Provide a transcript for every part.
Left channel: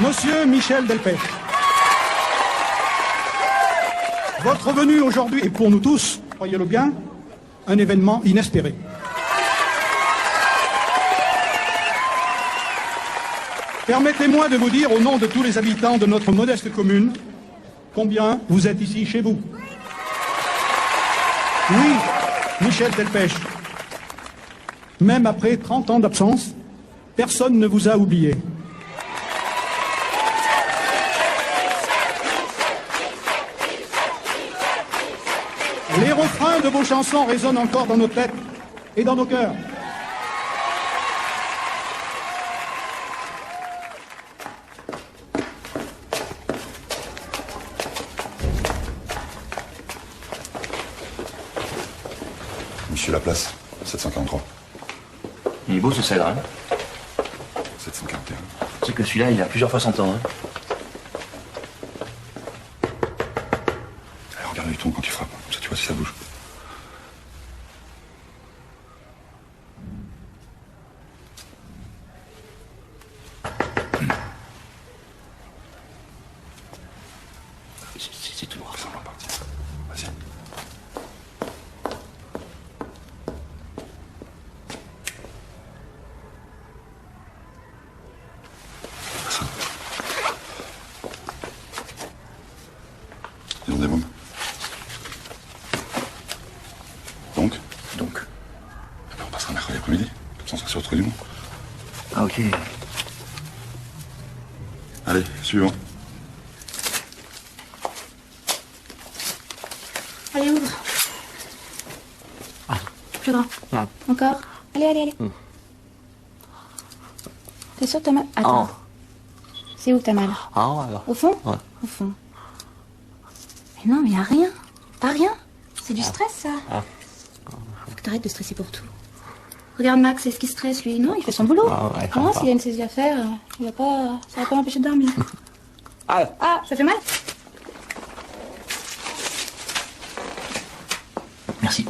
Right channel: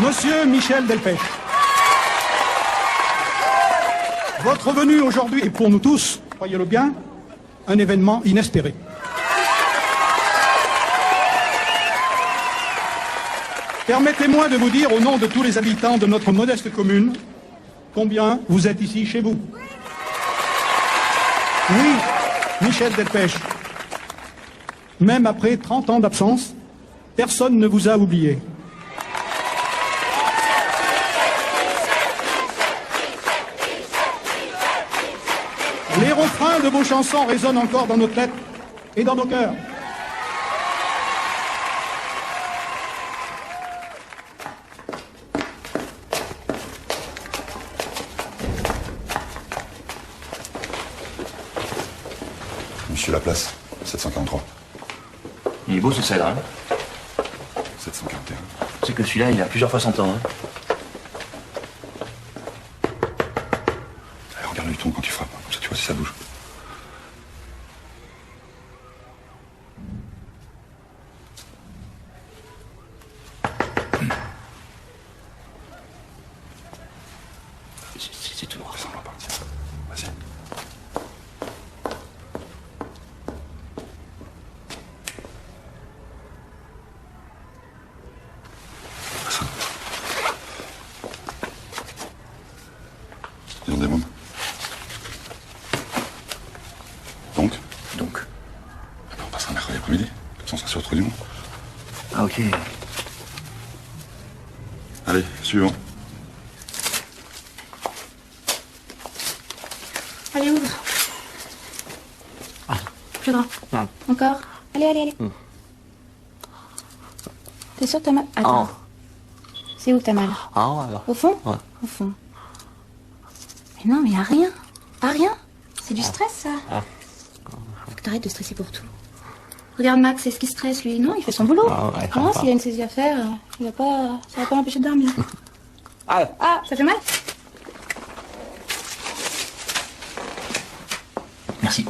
Monsieur Michel Delpech, votre venue aujourd'hui est pour nous tous, croyez-le bien, un événement inespéré. Permettez-moi de vous dire au nom de tous les habitants de notre modeste commune combien vous êtes ici chez vous. Oui, Michel Delpech, même après 30 ans d'absence, personne ne vous a oublié. Les refrains de vos chansons résonnent encore dans nos têtes et dans nos cœurs. Monsieur Laplace, 743. Il est beau ce cèdre, hein. 741. C'est que celui-là, il a plusieurs fois son temps, hein. Alors, regarde le ton quand tu frappes, comme ça tu vois si ça bouge. C'est tout noir. Vas-y. Nous devons. Donc. Après, on passera mercredi après-midi. Sans ça sur du monde. Ah, ok. Allez, suivons. Allez, autre. Plus grand. Non. Encore. Allez. T'es sûr que t'as mal? Attends. C'est où que t'as mal? Au fond? Ouais. Au fond. Mais non, mais y a rien. Pas rien. C'est du stress, ça. Faut que t'arrêtes de stresser pour tout. Regarde Max, c'est ce qui stresse, lui. Non, il fait son boulot. Comment s'il a une saisie à faire, ça va pas m'empêcher de dormir. Ah, ça fait mal? Merci.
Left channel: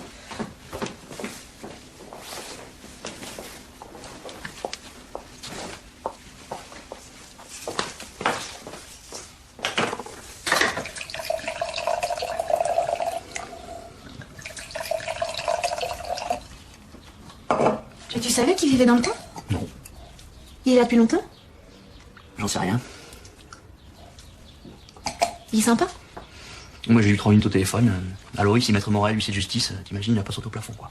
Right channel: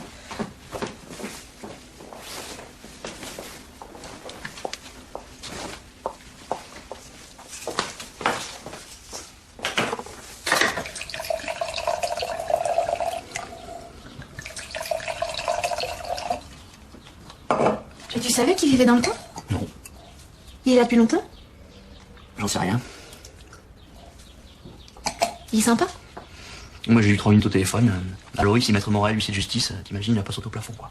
Et tu savais qu'il vivait dans le coin? Il est là depuis longtemps? J'en sais rien. Il est sympa? Moi, j'ai eu 30 minutes au téléphone. Allô, ici Maître Morel, huissier de justice. T'imagines, il a pas sauté au plafond, quoi.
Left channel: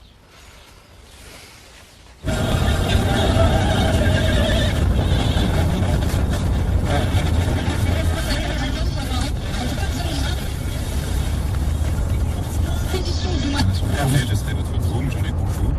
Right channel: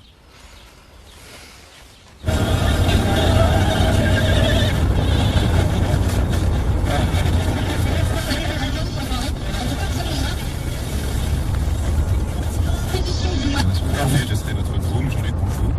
Je serai votre endroit, mais je l'ai pour vous.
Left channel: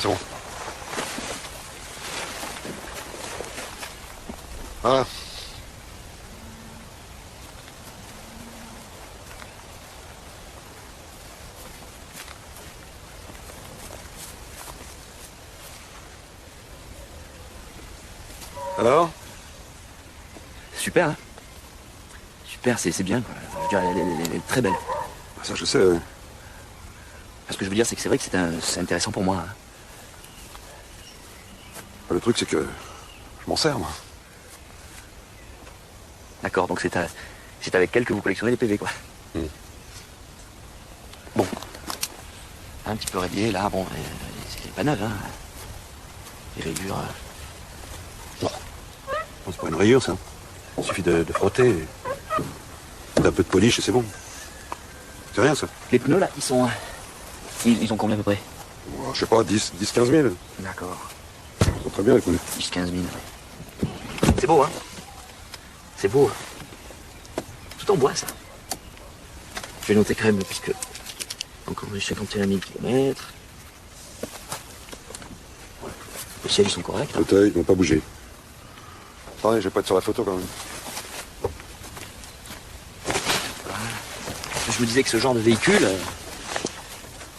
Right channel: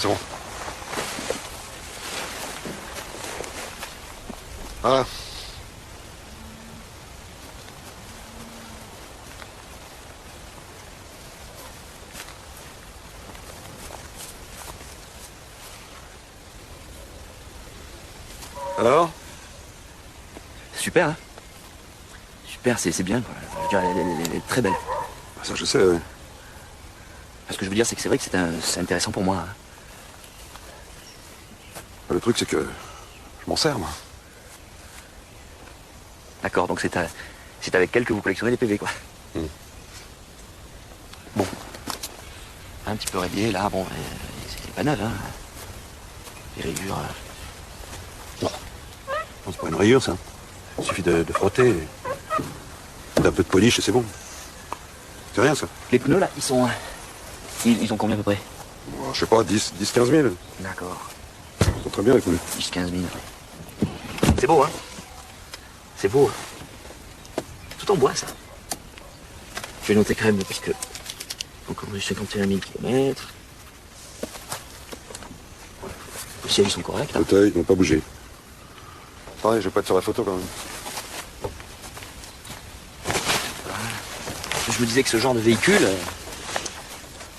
C'est bon. Ah. Alors? Super, hein. Super, c'est bien, quoi. Je veux dire, elle est très belle. Ça, je sais, ouais. Ce que je veux dire, c'est que c'est vrai que c'est intéressant pour moi, hein. Le truc, c'est que je m'en sers, moi. D'accord, donc c'est avec elle que vous collectionnez les PV, quoi. Bon. Un petit peu rayé, là, bon, c'est pas neuf, hein. Les rayures. C'est pas une rayure, ça. Il suffit de frotter. Un peu de polish et c'est bon. C'est rien, ça. Les pneus, là, ils sont combien à peu près? Je sais pas, 10, 15 000. D'accord. C'est très bien, quoi. 10-15 000. C'est beau, hein? C'est beau. Tout en bois, ça. Je vais noter quand même, puisque encore 51 000 km. Les sièges sont corrects. Hein. Fauteuil, ne pas bouger. Pareil, je vais pas être sur la photo quand même. Voilà. Et je me disais que ce genre de véhicule,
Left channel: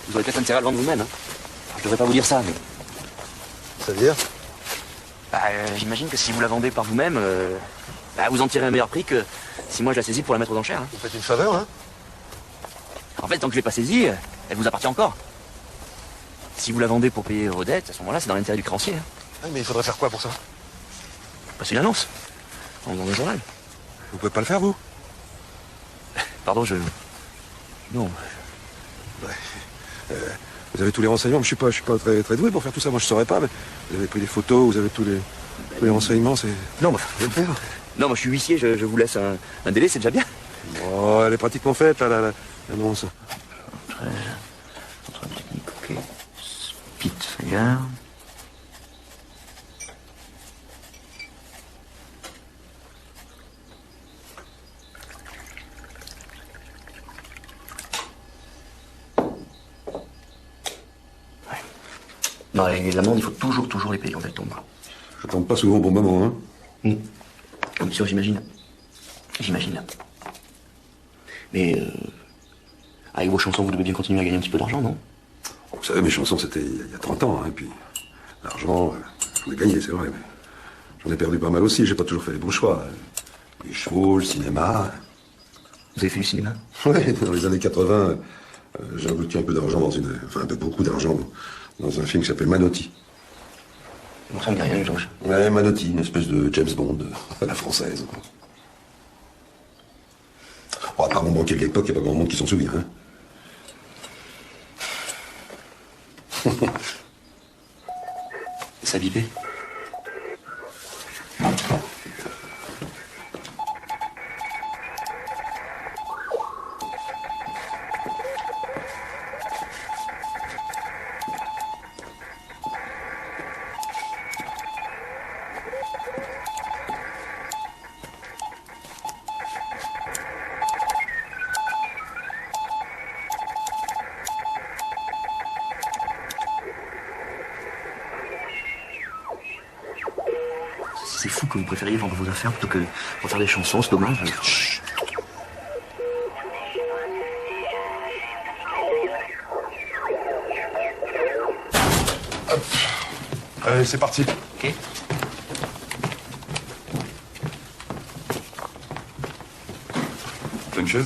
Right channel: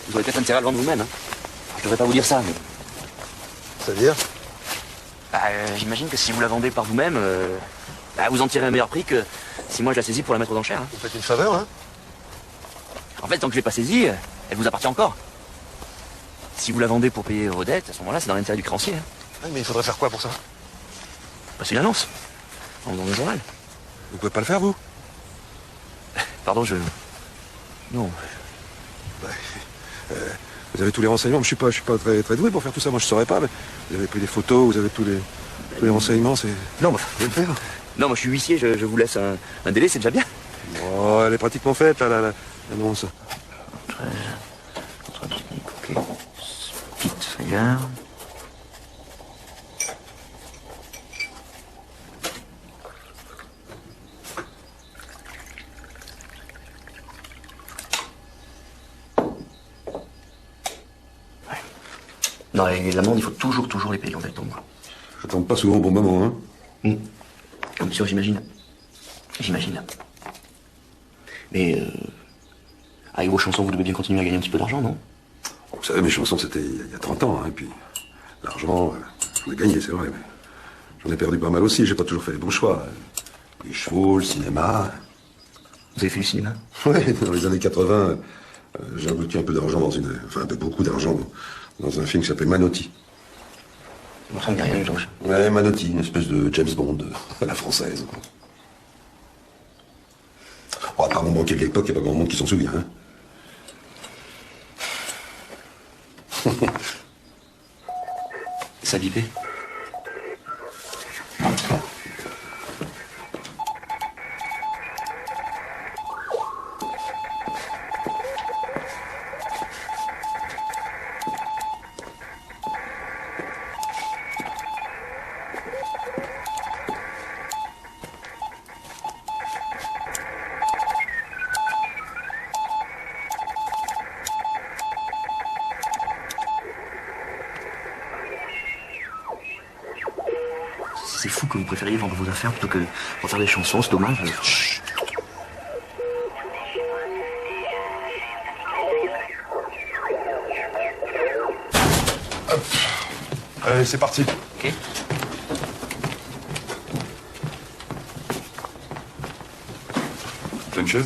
vous aurez peut-être intérêt à le vendre vous-même. Hein. Je devrais pas vous dire ça. Mais... C'est-à-dire j'imagine que si vous la vendez par vous-même, vous en tirez un meilleur prix que si moi je la saisis pour la mettre aux enchères. Hein. Vous faites une faveur, hein? En fait, tant que je l'ai pas saisie, elle vous appartient encore. Si vous la vendez pour payer vos dettes, à ce moment-là, c'est dans l'intérêt du créancier. Hein. Oui, mais il faudra faire quoi pour ça? C'est une annonce. On vend le journal. Vous pouvez pas le faire, vous? Pardon, je... Non. Vous avez tous les renseignements. Je suis pas très doué pour faire tout ça. Moi, je saurais pas, mais vous avez pris des photos, vous avez tous les renseignements. C'est... Non, mais faut le faire. Non, moi je suis huissier, je vous laisse un délai, c'est déjà bien. Bon, elle est pratiquement faite, l'annonce. Petite feuille-là. Non, les amendes, il faut toujours les payer en temps. Ça tombe pas souvent au bon moment, hein? Bien sûr, j'imagine. J'imagine. Mais, avec vos chansons, vous devez bien continuer à gagner un petit peu d'argent, non? Vous savez, mes chansons, c'était il y a 30 ans, hein, puis l'argent, j'en ai gagné, c'est vrai, mais j'en ai perdu pas mal aussi, j'ai pas toujours fait les bons choix. Les chevaux, le cinéma... Vous avez fait le cinéma? Ouais, dans les années 80, j'ai investi un peu d'argent un peu beaucoup d'argent dans un film qui s'appelle Manotti. Ça me dit rien, Georges. Ouais, Manotti, une espèce de James Bond à la française. Bon, à part mon banquier de l'époque, il n'y a pas grand monde qui s'en souvient, hein. Ça bipait. C'est fou que vous préfériez vendre vos affaires plutôt que pour faire des chansons, c'est dommage. Allez, c'est parti. Ok. T'as une chaise?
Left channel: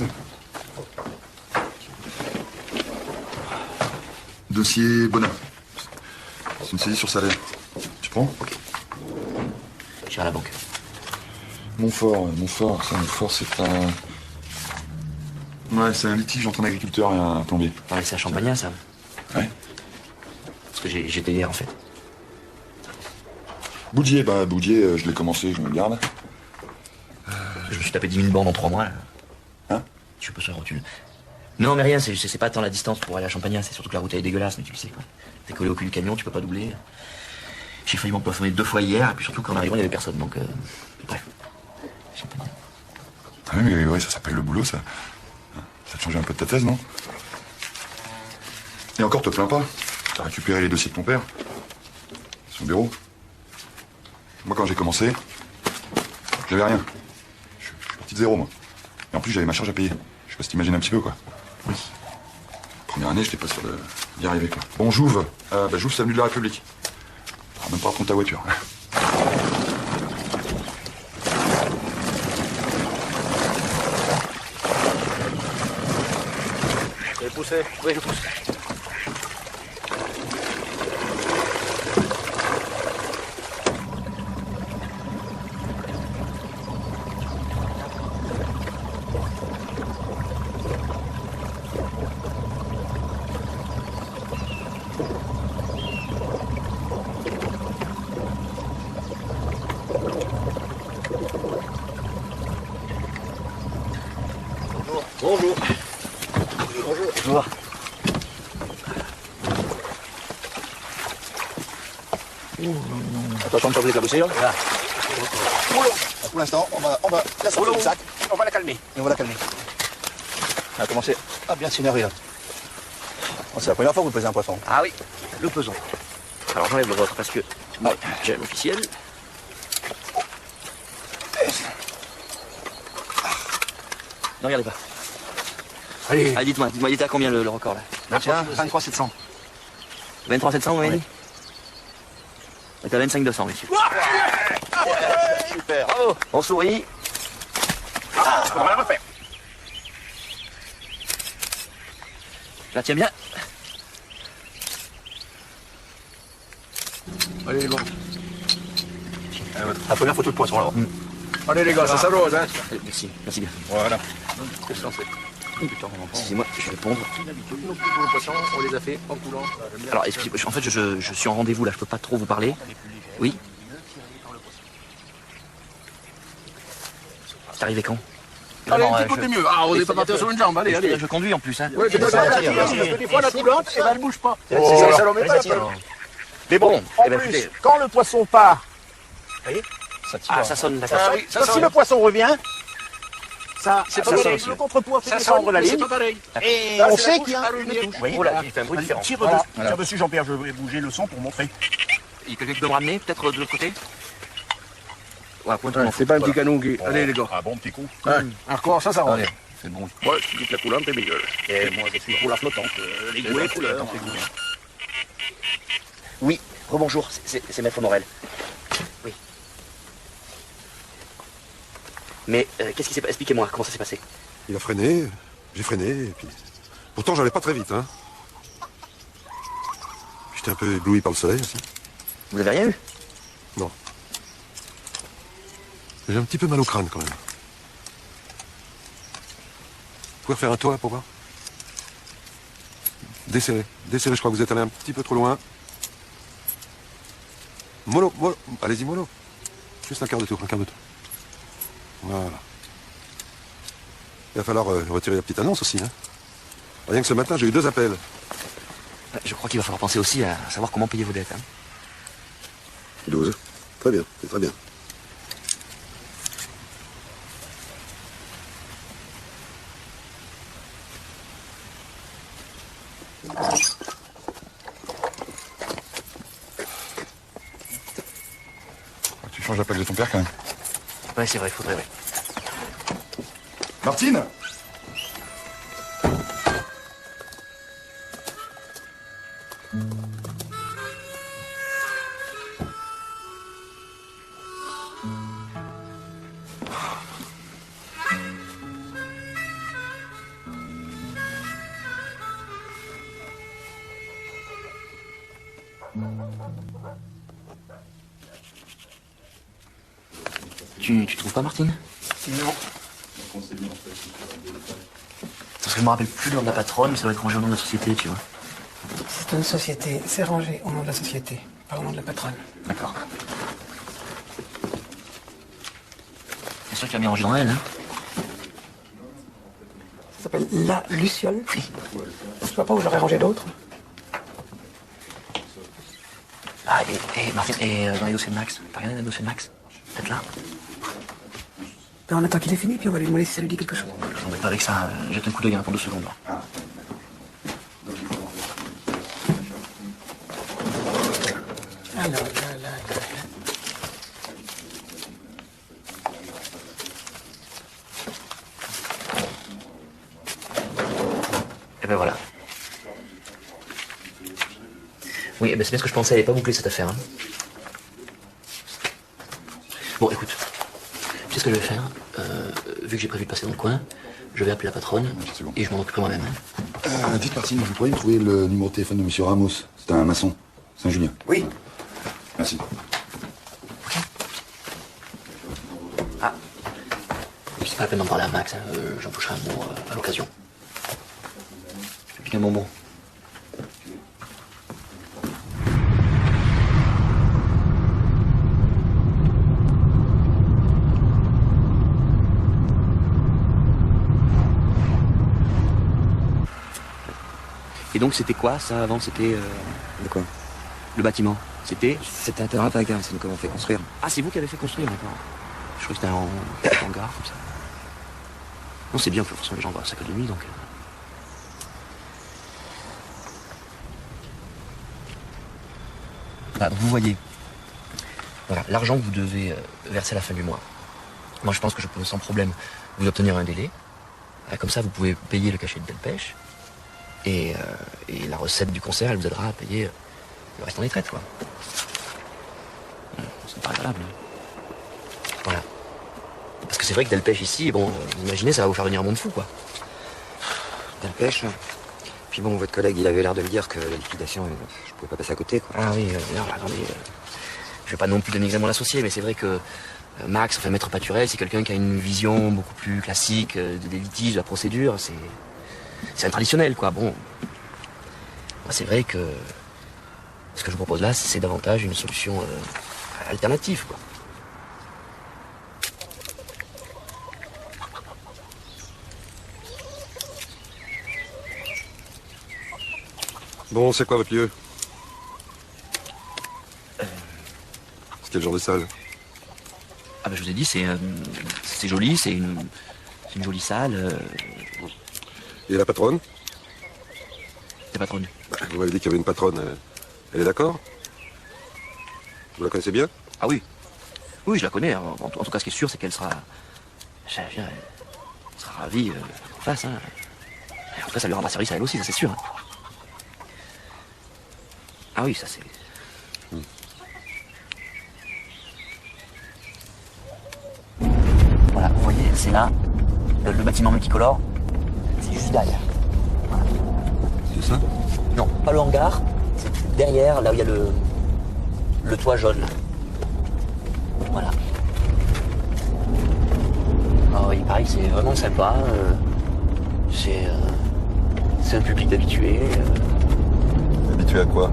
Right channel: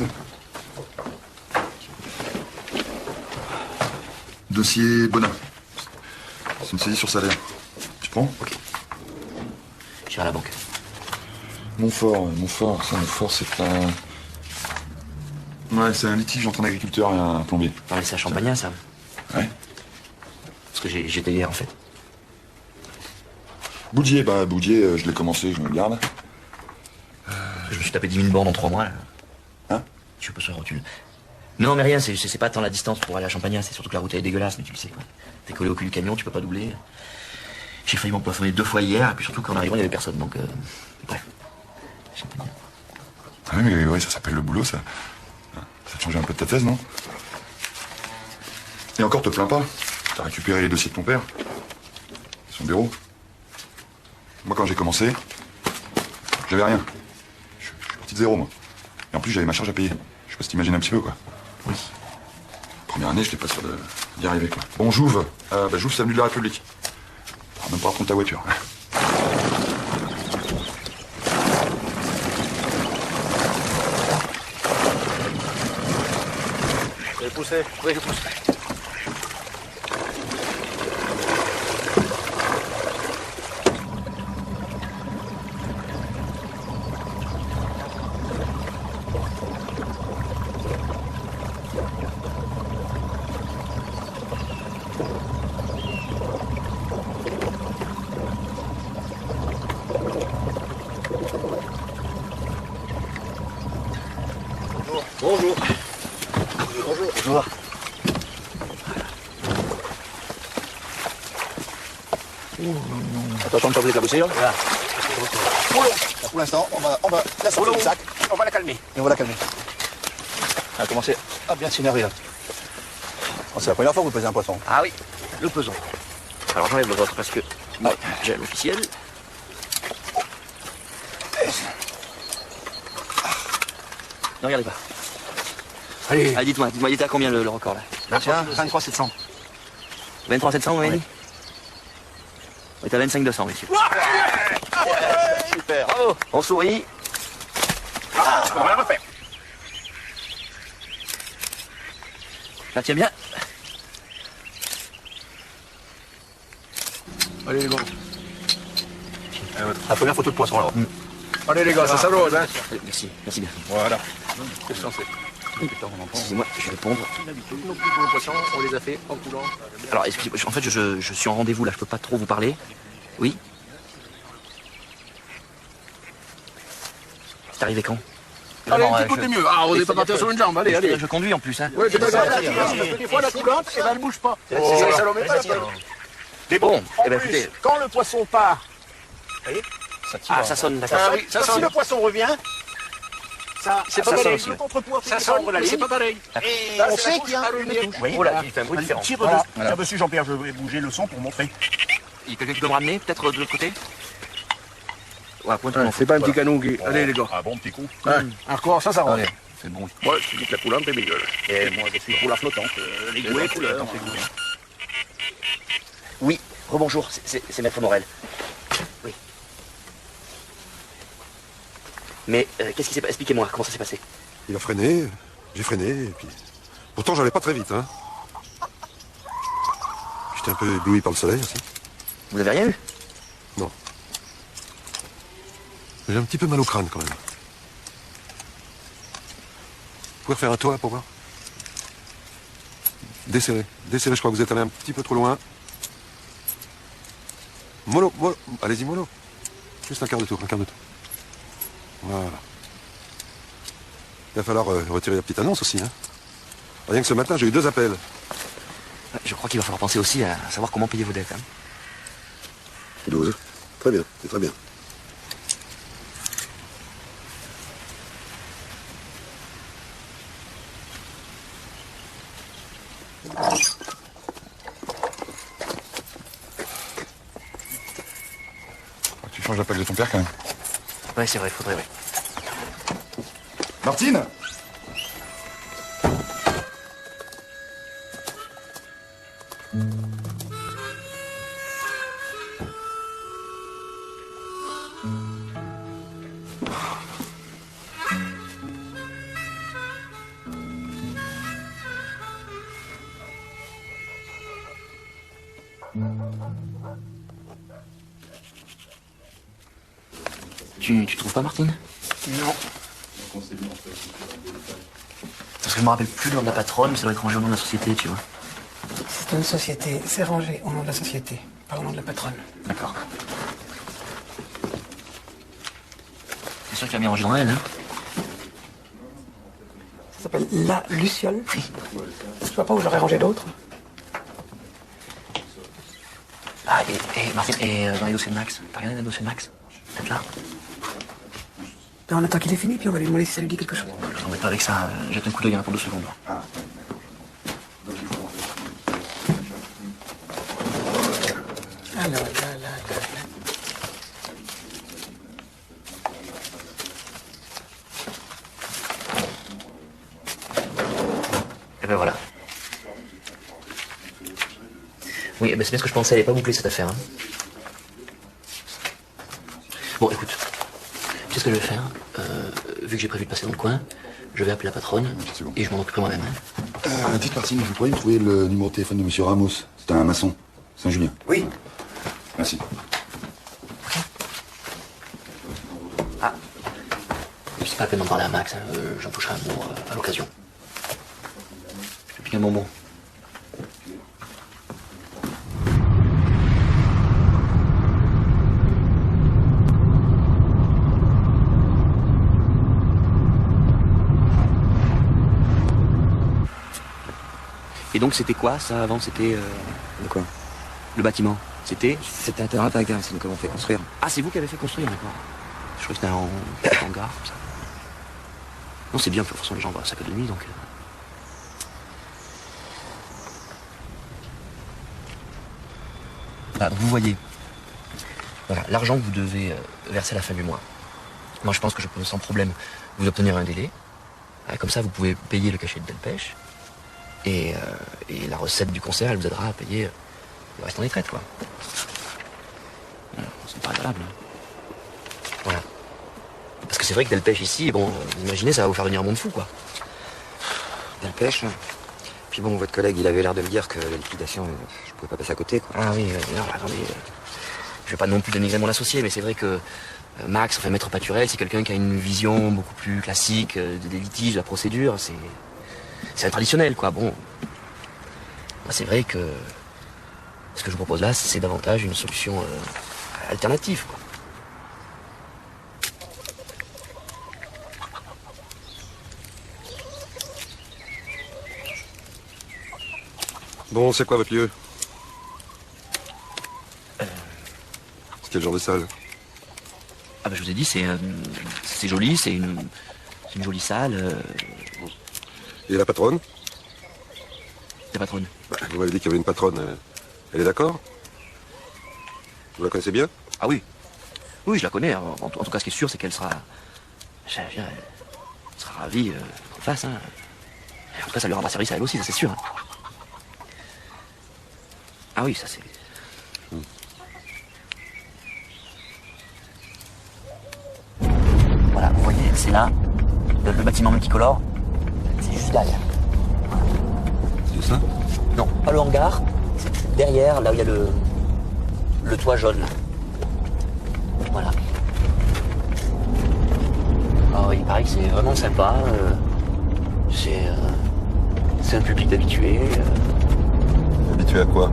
Dossier Bonin. C'est une saisie sur salaire. Tu prends? Ok. Je vais à la banque. Montfort, c'est un... Ouais, c'est un litige entre un agriculteur et un plombier. Non, mais c'est à Champagnat, ça. Ouais. Parce que j'ai payé, en fait. Boudier, je l'ai commencé, je me le garde. Je me suis tapé 10 000 bornes en 3 mois. Là. Hein? Je sais pas ça, tu... Non, mais rien, c'est pas tant la distance pour aller à Champagnat, c'est surtout que la route elle est dégueulasse, mais tu le sais quoi. T'es collé au cul du camion, tu peux pas doubler. J'ai failli m'empoisonner 2 fois hier, et puis surtout qu'en arrivant, il y avait personne, donc... Bref. Ouais, mais ouais, ça s'appelle le boulot, ça. Ça te change un peu de ta thèse, non? Et encore, te plains pas. T'as récupéré les dossiers de ton père. Son bureau. Moi, quand j'ai commencé, j'avais rien. Je suis parti de zéro, moi. Et en plus, j'avais ma charge à payer. Je sais pas si t'imagines un petit peu, quoi. Oui. Première année, j'étais pas sûr d'y arriver, quoi. Bon, j'ouvre. J'ouvre, c'est l'avenue de la République. T'auras même pas à prendre ta voiture. Je le pousse, hein? Ouais, je le pousse. Bonjour. Bonjour. Attention de pas vous éclabousser, là. Pour l'instant, on va laisser le sac, on va la calmer. Et on va la calmer. Ça a commencé. Ah, bien s'énerver là. Oh, c'est la première fois qu'on pèse un poisson. Ah oui, le pesant. Alors j'enlève le vôtre parce que j'ai l'officiel. Ne regardez pas. Allez, Ah, dites-moi, il était à combien le record là? tiens, 23 700. 23 700, vous m'avez dit? On est à 25 200, monsieur. Super, bravo. On sourit. on va la refaire. Là, tiens bien. Allez les gars. En première photo de poisson alors. Allez les gars, ça va là. Merci, merci bien. Voilà. Excusez-moi, je vais répondre. Nos plus gros poissons, on les a fait en coulant. Alors, excusez-moi, en fait, je suis en rendez-vous là, je peux pas trop vous parler. Oui. C'est arrivé quand? Allez, Non, un petit côté mieux. Ah, on n'est pas parti sur une jambe. Allez, allez. Je conduis en plus, hein. Ouais, c'est ça. Des fois, la coulotte, et ben, elle bouge pas. C'est ça, ça l'en met pas. Mais bon, En plus, quand le poisson part, ah, ça sonne, d'accord. si le poisson revient, ça, c'est pas Ça sonne pareil. aussi. Le contrepoids fait descendre la ligne. C'est pas pareil. Et on sait qu'il y a une touche. Oh là, il fait un bruit différent. Tiens dessus, Jean-Pierre, je vais bouger le son pour montrer. Il y a quelqu'un qui peut me ramener, peut-être de l'autre côté? Ouais, pointe-toi. C'est pas un petit canon gris. Allez, les gars. Ah bon, petit coup. Ouais. Alors, comment ça va? C'est bon. Ouais, c'est toute la coulante, c'est bon. Et moi, je suis pour la flottante. Oui, Oui, rebonjour, c'est Maître Morel. Oui. Mais qu'est-ce qui s'est passé? Expliquez-moi, comment ça s'est passé? Il a freiné, j'ai freiné, et puis... Pourtant, j'allais pas très vite, hein. J'étais un peu ébloui par le soleil aussi. Vous n'avez rien eu? Non. J'ai un petit peu mal au crâne, quand même. Vous pouvez refaire à toi, pour voir? Descellez, je crois que vous êtes allé un petit peu trop loin. Mollo, allez-y, mollo. Juste un quart de tour, Voilà. Il va falloir retirer la petite annonce aussi, hein. Rien que ce matin, j'ai eu 2 appels. Je crois qu'il va falloir penser aussi à savoir comment payer vos dettes. Hein. 12. Très bien, c'est très bien. Tu changes l'appel de ton père quand même. Ouais, c'est vrai, il faudrait. Martine. Tu trouves pas, Martine? Non. Parce que je me rappelle plus le nom de la patronne, mais ça va être rangé au nom de la société, tu vois. De société, c'est rangé au nom de la société, pas au nom de la patronne. D'accord. C'est sûr que tu as bien rangé dans elle, hein? Ça s'appelle La Luciole. Je vois pas où j'aurais rangé d'autres. Ah, et Martine, et dans les dossiers de Max? T'as regardé dans les dossiers de Max? Peut-être là? Ben, on attend qu'il ait fini, puis on va lui demander si ça lui dit quelque chose. Je t'embête pas avec ça, jette un coup d'œil répondu sur vous. Et ben voilà. Oui, eh ben c'est bien ce que je pensais, elle n'est pas bouclée cette affaire. Hein. Bon, écoute, tu sais ce que je vais faire vu que j'ai prévu de passer dans le coin, je vais appeler la patronne et je m'en occupe moi-même. Hein. Vous dites, Martine, vous pourriez trouver le numéro de téléphone de M. Ramos. C'est un maçon. C'est Julien. Oui. Merci. Ah, c'est pas la peine d'en parler à Max, j'en toucherai un mot à l'occasion. Depuis quel moment? Et donc c'était quoi ça avant? C'était quoi? Le bâtiment. C'était un terrain à gaz, donc on fait construire. Ah, c'est vous qui avez fait construire maintenant? Je pense que c'était en hangar, comme ça. Non, c'est bien, de toute façon, les gens voient ça peu de nuit, donc... Voilà, donc vous voyez, voilà, l'argent que vous devez verser à la fin du mois. Moi, je pense que je peux sans problème vous obtenir un délai. Comme ça, vous pouvez payer le cachet de Delpech. Et la recette du concert, elle vous aidera à payer le reste en retraite, quoi. Ça me paraît valable. Voilà. Parce que c'est vrai que Delpech ici, bon, imaginez, ça va vous faire venir un monde fou, quoi. Delpech. Puis bon, votre collègue, il avait l'air de me dire que la liquidation, je pouvais pas passer à côté, quoi. Ah oui, attendez. Je vais pas non plus dénigrer mon associé, mais c'est vrai que Max, enfin, maître peinturel, c'est quelqu'un qui a une vision beaucoup plus classique des litiges, de la procédure. C'est un traditionnel, quoi. Bon. Là, c'est vrai que ce que je vous propose là, c'est davantage une solution alternative, quoi. Bon, c'est quoi votre lieu? C'est quel genre de salle? Ah bah je vous ai dit, c'est joli, c'est une jolie salle. Et la patronne? La patronne. Vous m'avez dit qu'il y avait une patronne. Elle est d'accord? Vous la connaissez bien? Ah oui. Oui, je la connais. En tout cas, ce qui est sûr, c'est qu'elle sera ravie en face. Hein. Et en tout cas, ça lui rendra service à elle aussi, c'est sûr. Hein. Ah oui, ça c'est... Voilà, vous voyez, c'est là, le bâtiment multicolore, c'est juste derrière. C'est ça? Non, pas le hangar, c'est derrière, là où il y a le toit jaune. Voilà. Ah oui, pareil, c'est vraiment sympa. C'est un public habitué. Habitué à quoi?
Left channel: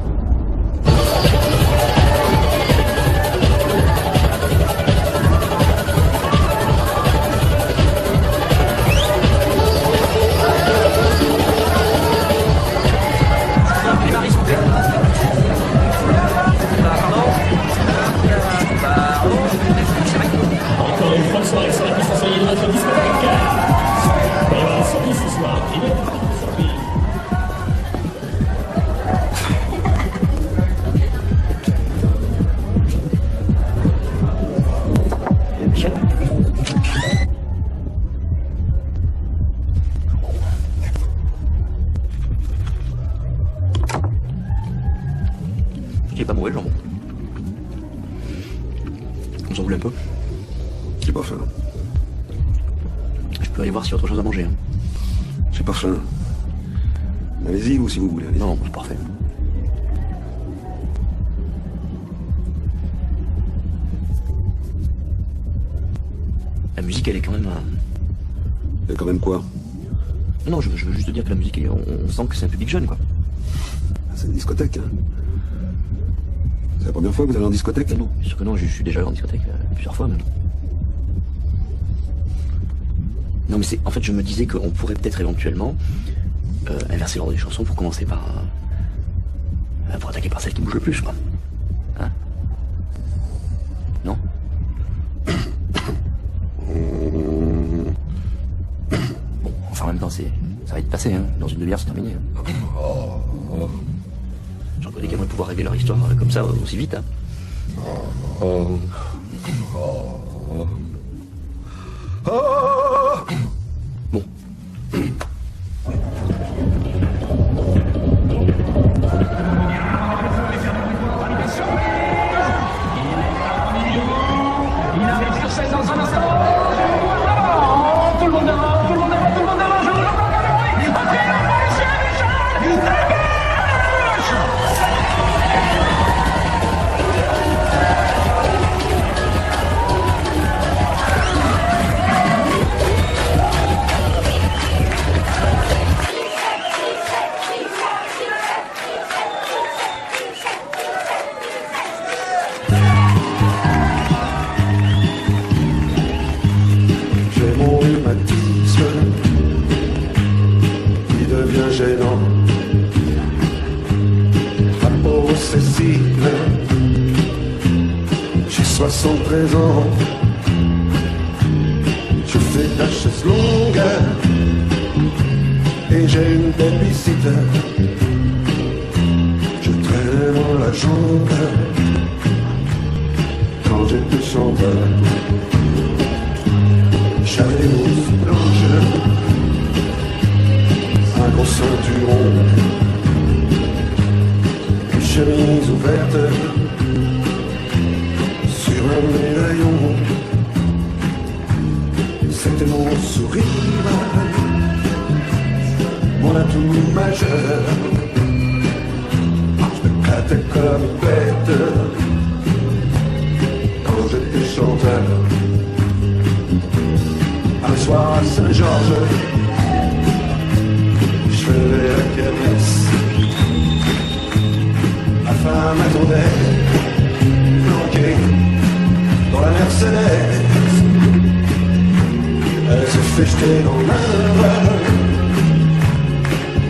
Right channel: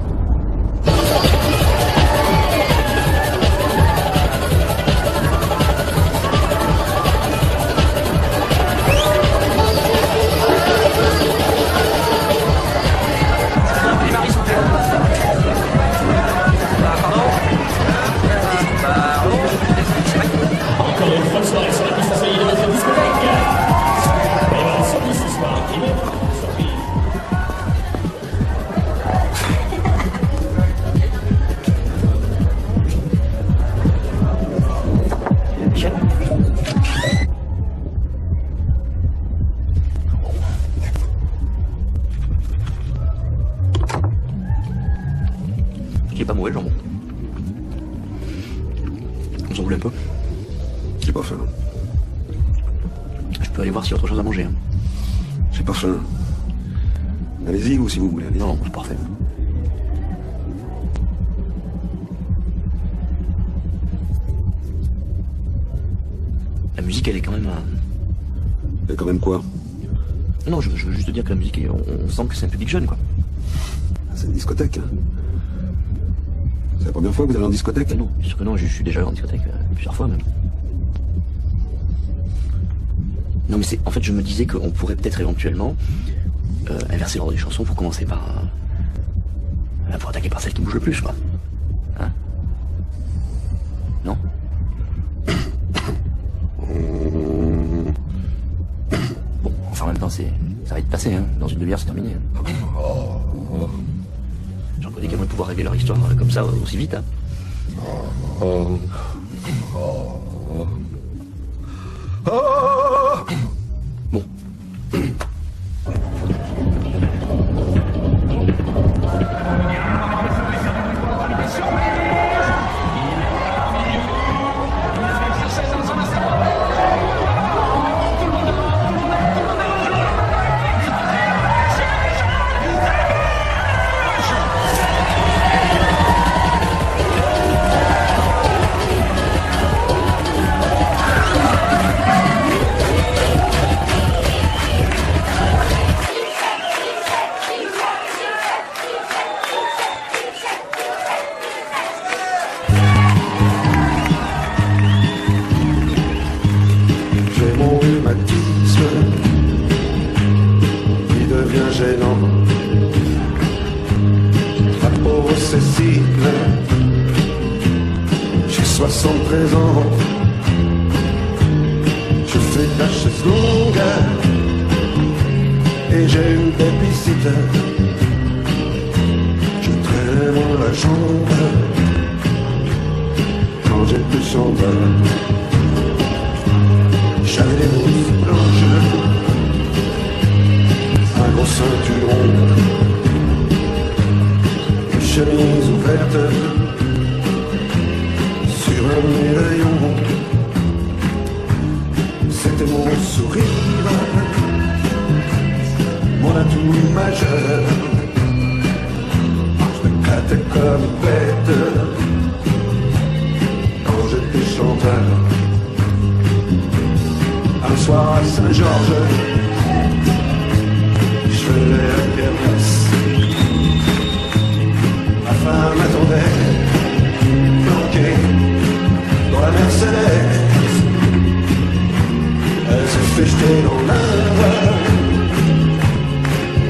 J'ai pas mauvais le jambon. Vous en voulez un peu? J'ai pas faim. Je peux aller voir s'il y a autre chose à manger. Hein. J'ai pas faim. Allez-y, ou si vous voulez. Non, c'est parfait. La musique, elle est quand même... Il y a quand même quoi? Non, je veux juste te dire que la musique, on sent que c'est un public jeune, quoi. C'est une discothèque. Hein. C'est la première fois que vous allez en discothèque? Non, bien sûr que non, je suis déjà allé en discothèque plusieurs fois maintenant. Non, mais c'est... En fait, je me disais qu'on pourrait peut-être éventuellement inverser l'ordre des chansons pour commencer par... pour attaquer par celle qui bouge le plus, quoi. Hein? Non? Bon, enfin, en même temps, ça va vite passer, hein. Dans une demi-heure, c'est terminé. J'en connais qui vont pouvoir régler leur histoire comme ça aussi vite, hein. Bon. Il devient gênant. Possessible. J'ai 73 ans. passe longue et j'ai une belle visite. Je traîne dans la chambre quand j'ai plus sombre. J'avais une rousse blanche, un gros ceinturon, une chemise ouverte sur un médaillon. C'était mon sourire, on a tout eu majeur. Je me grattais comme bête quand j'étais chanteur. Un soir à Saint-Georges, je faisais la kermesse. Ma femme attendait, bloquée pour la Mercedes. Elle se fait jeter dans l'heure,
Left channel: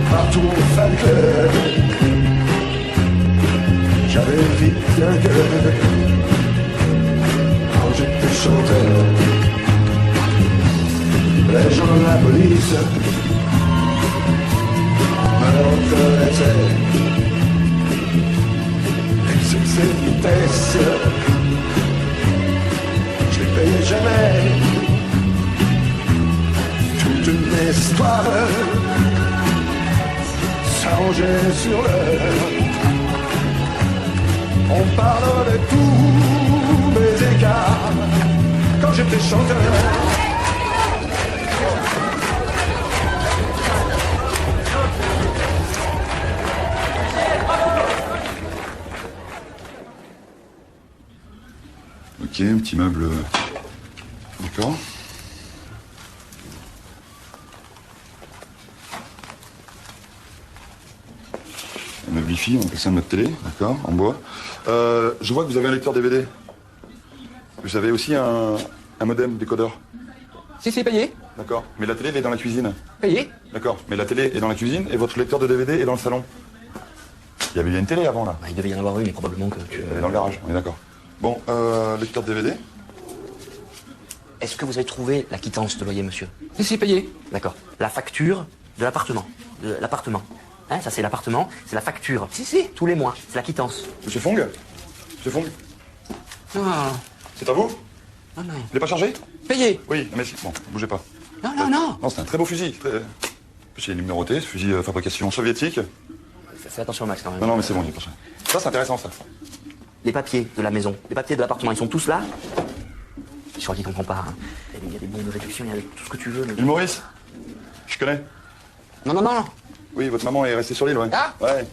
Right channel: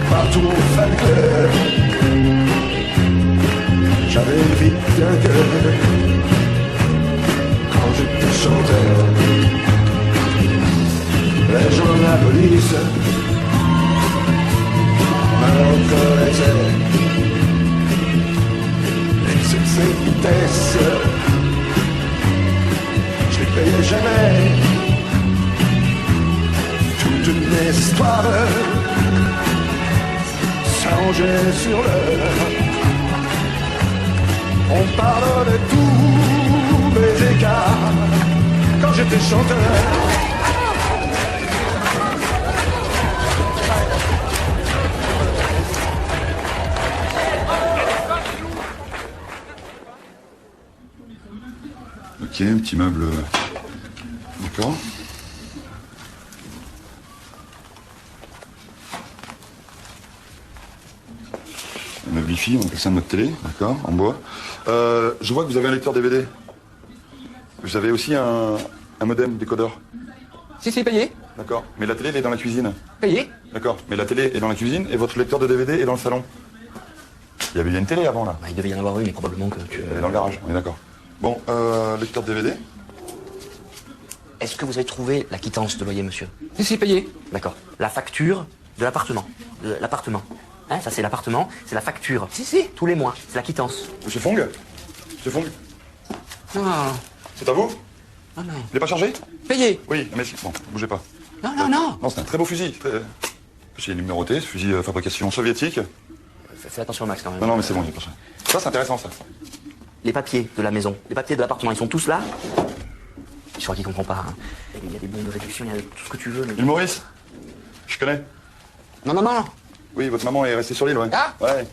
partout au Falcler. J'avais vite un cœur quand j'étais chanteur. La journée à la police me reconnaissait. Et sur cette vitesse, j'ai payé jamais toute une histoire s'allonger sur l'heure. On parle de tous mes écarts quand j'étais chanteur. Ok, un petit meuble. D'accord. Un meuble Wi-Fi, on appelle ça notre télé, d'accord, en bois. Je vois que vous avez un lecteur DVD. Vous avez aussi un modem décodeur. Si c'est payé. D'accord. Mais la télé elle est dans la cuisine. Payé. D'accord. Mais la télé est dans la cuisine et votre lecteur de DVD est dans le salon. Il y avait une télé avant là. Bah, il devait y en avoir une, mais probablement que tu... Elle est dans le garage, on est d'accord. Bon, lecteur de DVD. Est-ce que vous avez trouvé la quittance de loyer, monsieur? Si c'est payé. D'accord. La facture de l'appartement. De l'appartement. Hein, ça c'est l'appartement, c'est la facture. Si. Tous les mois, c'est la quittance. Monsieur Fong. Monsieur Fong. Ah, C'est à vous? non, non. Il est pas chargé? Payé. Oui, mais bon, bougez pas. Non. Bon, c'est un très beau fusil. Très... En plus, il est numéroté, ce fusil fabrication soviétique. Fais attention, Max, quand même. Non, mais c'est bon, attention. Ça, c'est intéressant, ça. Les papiers de la maison, les papiers de l'appartement, ils sont tous là. Je crois qu'ils comprennent pas. Hein. Il y a des bons de réduction, il y a tout ce que tu veux, mais... Il Maurice. Je connais. Non. Oui, votre maman est restée sur l'île, ouais. Ah. Ouais.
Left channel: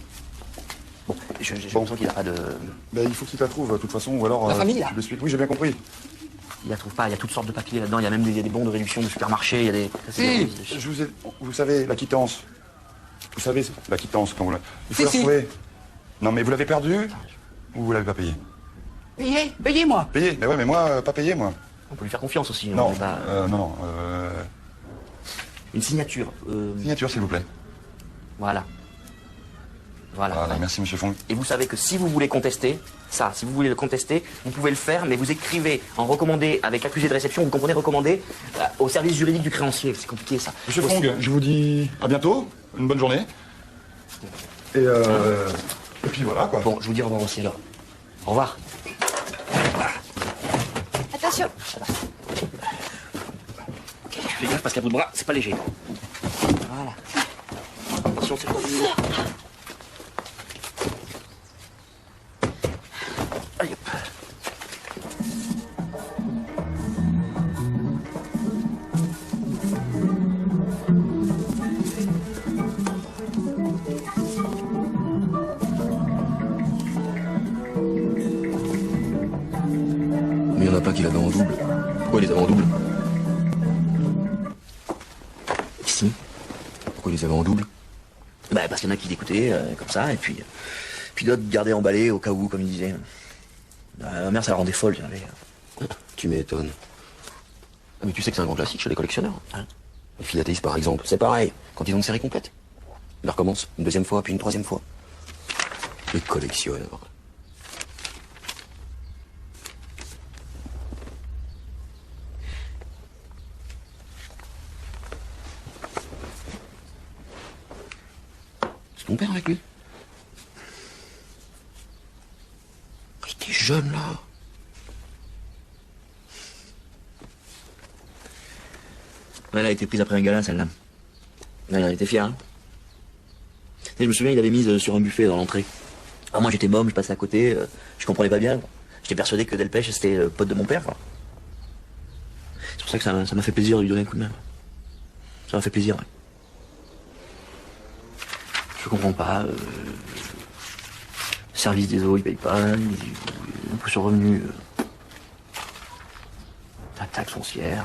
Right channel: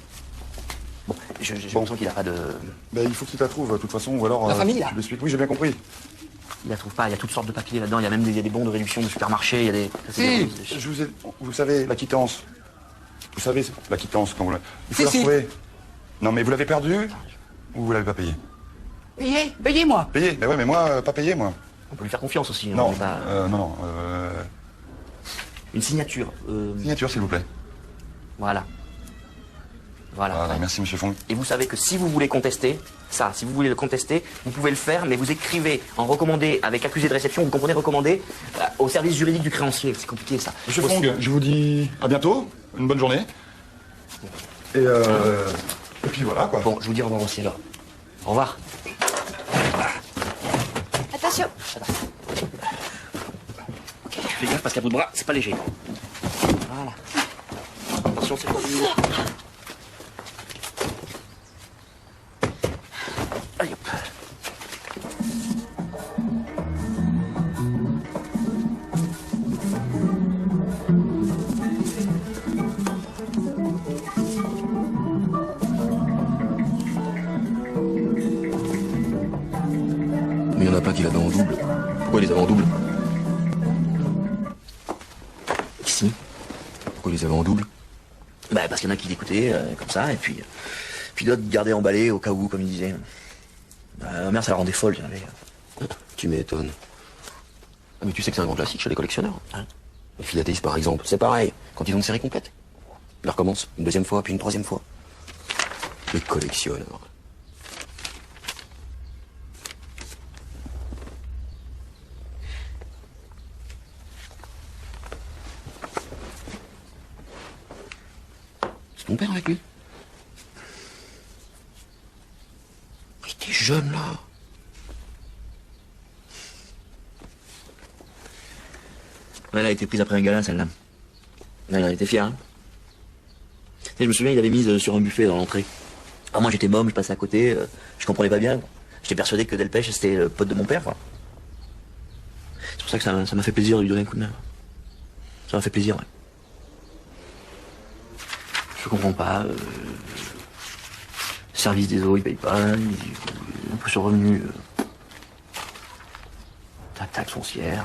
J'ai l'impression qu'il n'y a pas de... Bah, il faut qu'il la trouve, de toute façon, alors... La famille, là. Je l'explique, oui, j'ai bien compris. Il la trouve pas, il y a toutes sortes de papiers là-dedans, il y a même il y a des bons de réduction du supermarché, il y a des... Vous savez, la quittance. Vous savez, la quittance, quand vous la... Il faut la Si. retrouver. Non, mais vous l'avez perdue ou vous l'avez pas payée? Payé, moi. Payé? Mais ouais, mais moi, pas payé, moi. On peut lui faire confiance aussi. Non, on peut pas- non. Une signature. Signature, s'il vous plaît. Voilà. Voilà. Merci, monsieur Fong. Et vous savez que si vous voulez contester, si vous voulez le contester, vous pouvez le faire, mais vous écrivez en recommandé avec accusé de réception, vous comprenez recommandé, au service juridique du créancier. C'est compliqué ça. Monsieur Fong, je vous dis à bientôt, une bonne journée. Et puis voilà, quoi. Donc je vous dis au revoir aussi alors. Au revoir. Attention. Fais gaffe parce qu'à bout de bras, c'est pas léger. Voilà. Attention, c'est pas dur. Allez, hop. Mais il n'y en a pas qui l'avaient en double. Pourquoi ils les avaient en double? Ici. Pourquoi ils les avaient en double? Bah parce qu'il y en a qui l'écoutaient comme ça, et puis d'autres gardaient emballé au cas où, comme il disait. Ma mère, ça la rendait folle. Tu m'étonnes. Ah, mais tu sais que c'est un grand classique chez les collectionneurs. Hein, les philatélistes, par exemple, c'est pareil. Quand ils ont une série complète, ils recommencent une deuxième fois, puis une troisième fois. Ils collectionnent. ton père avec lui? Il était jeune, là. Ouais, elle a été prise après un gala, celle-là. Elle a été fière, hein. Et je me souviens, il avait mise sur un buffet dans l'entrée. Ah, moi, j'étais môme, je passais à côté, je comprenais pas bien. J'étais persuadé que Delpech, c'était pote de mon père, quoi. C'est pour ça que ça m'a fait plaisir de lui donner un coup de main. Ça m'a fait plaisir, ouais. Je comprends pas. Service des eaux, il paye pas. Imposition revenu. Taxe foncière.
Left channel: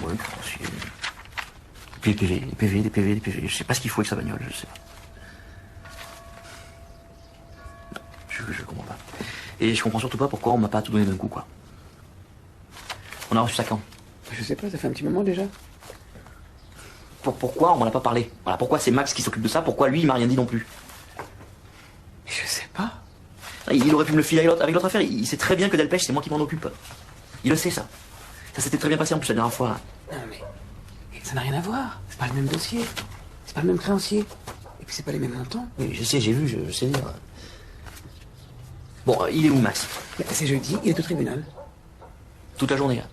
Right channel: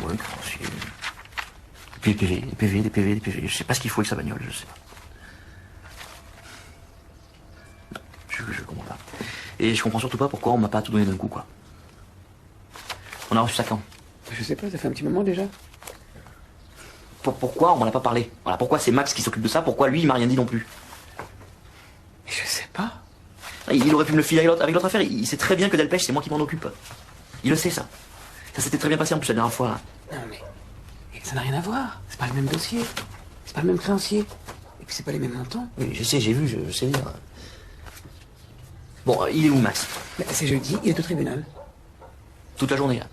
Ouais, et puis les PV. Je sais pas ce qu'il faut avec sa bagnole, je sais pas. Je comprends pas. Et je comprends surtout pas pourquoi on m'a pas tout donné d'un coup, quoi. On a reçu ça quand? Je sais pas, ça fait un petit moment déjà. Pourquoi on m'en a pas parlé? Voilà, pourquoi c'est Max qui s'occupe de ça? Pourquoi lui, il m'a rien dit non plus? Je sais pas. Il aurait pu me le filer avec l'autre affaire. Il sait très bien que Delpech, c'est moi qui m'en occupe. Il le sait, ça. Ça s'était très bien passé en plus la dernière fois. Non mais ça n'a rien à voir. C'est pas le même dossier. C'est pas le même créancier. Et puis c'est pas les mêmes montants. Oui, je sais, j'ai vu, je sais. Bon, il est où, Max? C'est jeudi, il est au tribunal. Toute la journée, là.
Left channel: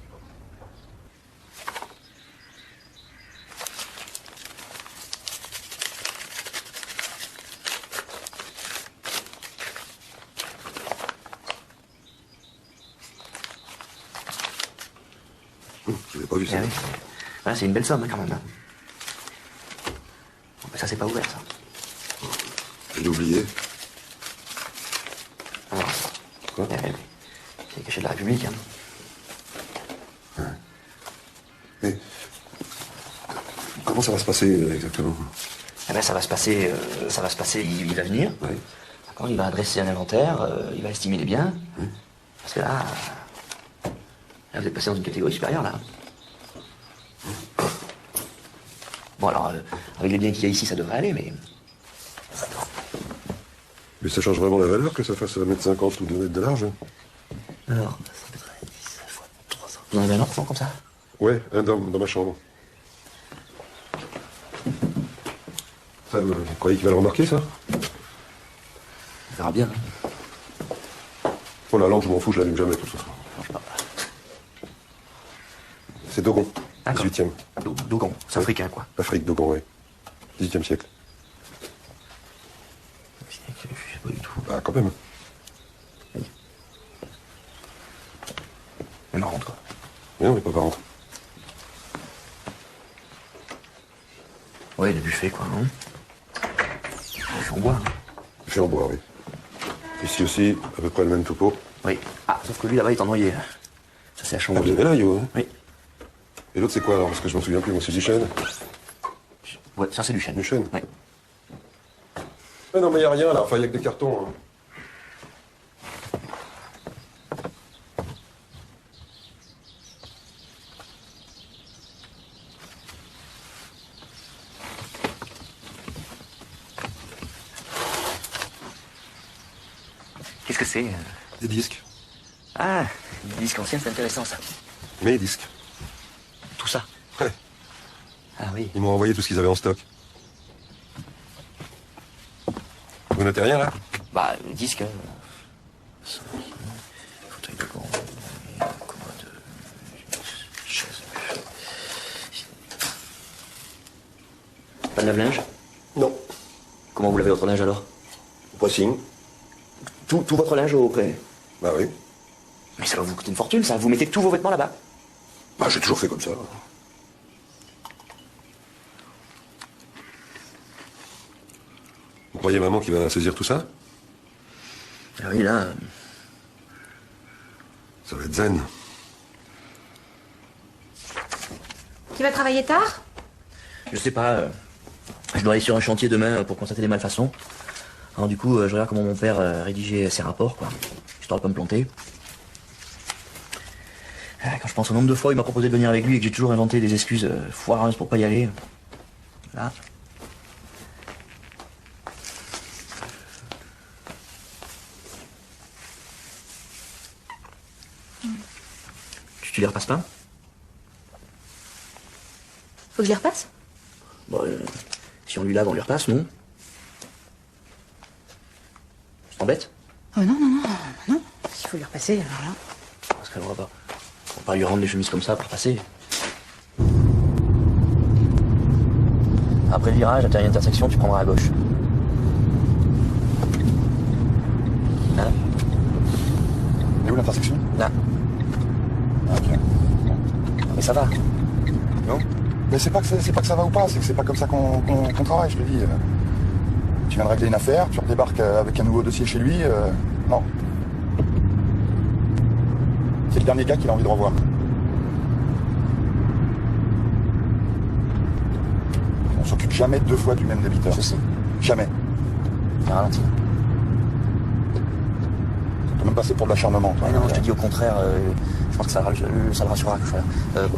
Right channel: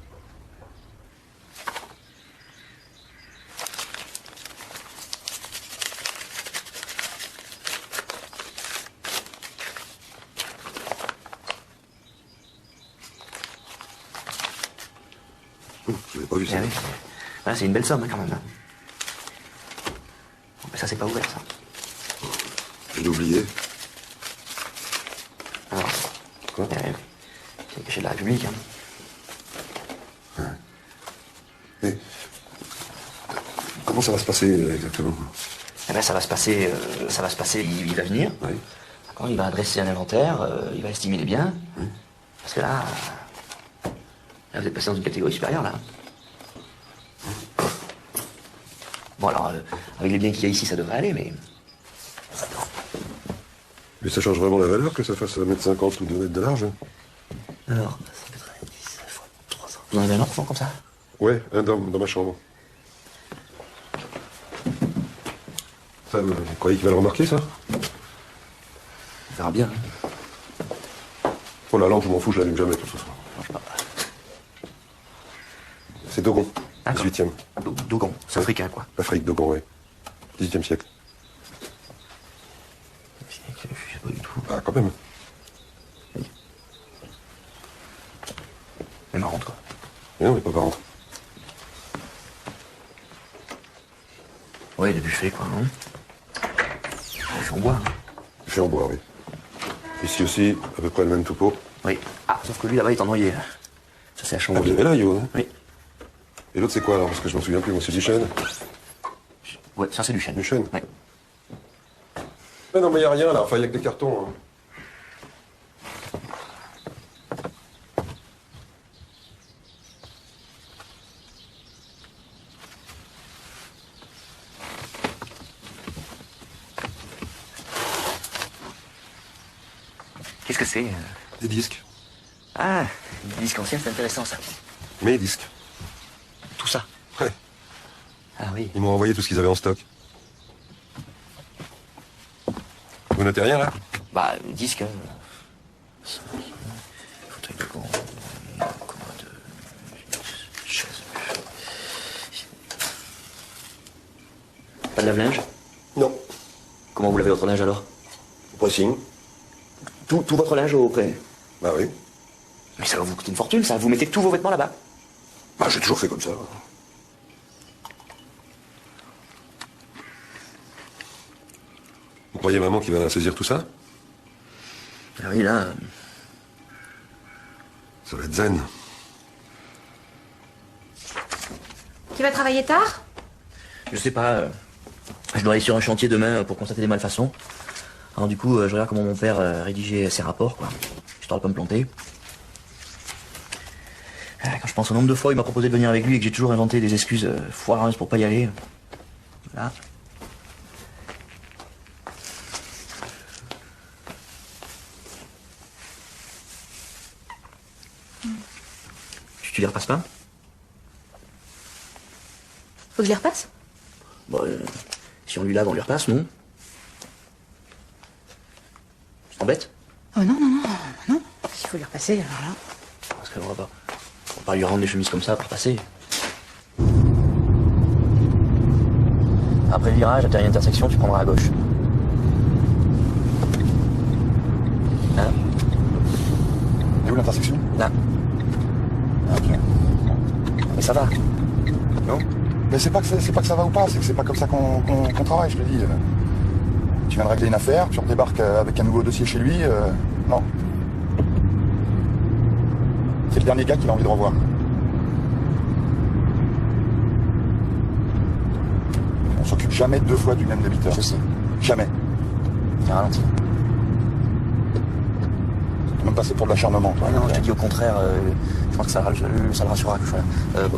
J'avais pas vu ça. Ah, c'est une belle somme, quand même. Ça, c'est pas vrai, ça. J'ai oublié. J'ai de la joliette, hein. Mais comment ça va se passer, là, exactement? Eh ben, ça va se passer, il va venir. Oui. D'accord, il va adresser un inventaire, il va estimer les biens. Parce que là, je vais passer dans une catégorie supérieure, là. Bon, alors, avec les biens qu'il y a ici, ça devrait aller, mais... Mais ça change vraiment la valeur que ça fasse 1m50 ou 2 mètres de large? Non, c'est 90 fois 300. Il y en a un autre, non, comme ça? Ouais, un dans ma chambre. Ça, vous croyez qu'il va le remarquer, ça? On verra bien. Oh, la lampe, je m'en fous, je l'allume jamais, de toute façon. C'est Dogon, 18e. Dogon, c'est africain, quoi. Afrique, Dogon, ouais. 18e siècle. Ah, quand même. Elle m'en rentre, quoi. Mais non, mais pas par contre. Ouais, il a buffet, quoi, non? Je suis en bois, hein. Je suis en bois, oui. Ici aussi, à peu près le même topo. Oui. Ah, sauf que lui, là-bas, il est en noyer. Ça, c'est la chambre. Ah, mais là, yo. Oui. Et l'autre, c'est quoi, alors? Parce que je m'en souviens plus, c'est du chêne. Ouais, ça, c'est du chêne. Du chêne. Oui. Mais non, mais y a rien, là. Enfin, y a que des cartons, hein. Qu'est-ce que c'est? Des disques. Ah, des disques anciens, c'est intéressant, ça. Mes disques. Tout ça. Ouais. Ah oui. Ils m'ont envoyé tout ce qu'ils avaient en stock. Vous mettez rien, là? Bah, les disques... Faudrait qu'on... Pas de lave-linge? Non. Comment vous lavez votre linge, alors? Pressing. Tout votre linge au près. Bah oui. Mais ça va vous coûter une fortune, ça. Vous mettez tous vos vêtements là-bas. Bah, j'ai toujours fait comme ça. Vous croyez maman qui va saisir tout ça? Ah oui, là... Ça va être zen. Tu vas travailler tard? Je sais pas, je dois aller sur un chantier demain pour constater des malfaçons. Alors du coup, je regarde comment mon père rédigeait ses rapports, quoi. Histoire de pas me planter. Quand je pense au nombre de fois où il m'a proposé de venir avec lui et que j'ai toujours inventé des excuses foireuses pour pas y aller. Là. Tu les repasses pas? Faut que je les repasse? Bon, si on lui lave, on lui repasse, non? t'embête? Oh non, non, non, non. Il faut lui repasser. Voilà. Ça ne va pas. On va pas lui rendre les chemises comme ça pour passer. Après le virage, à l'intersection, tu prendras à gauche. Là. Et où l'intersection? Là. Mais ça va. Non. Mais c'est pas que ça va ou pas, c'est pas comme ça qu'on travaille, ce que je dis. Tu viens de régler une affaire, tu redébarques avec un nouveau dossier chez lui, non. C'est le dernier gars qu'il a envie de revoir. On s'occupe jamais 2 fois du même débiteur. Ceci. Jamais. T'as ralenti. Même pas c'est pour de l'acharnement. Ouais, non, moi je te dis au contraire, je pense que ça va sur la gauche.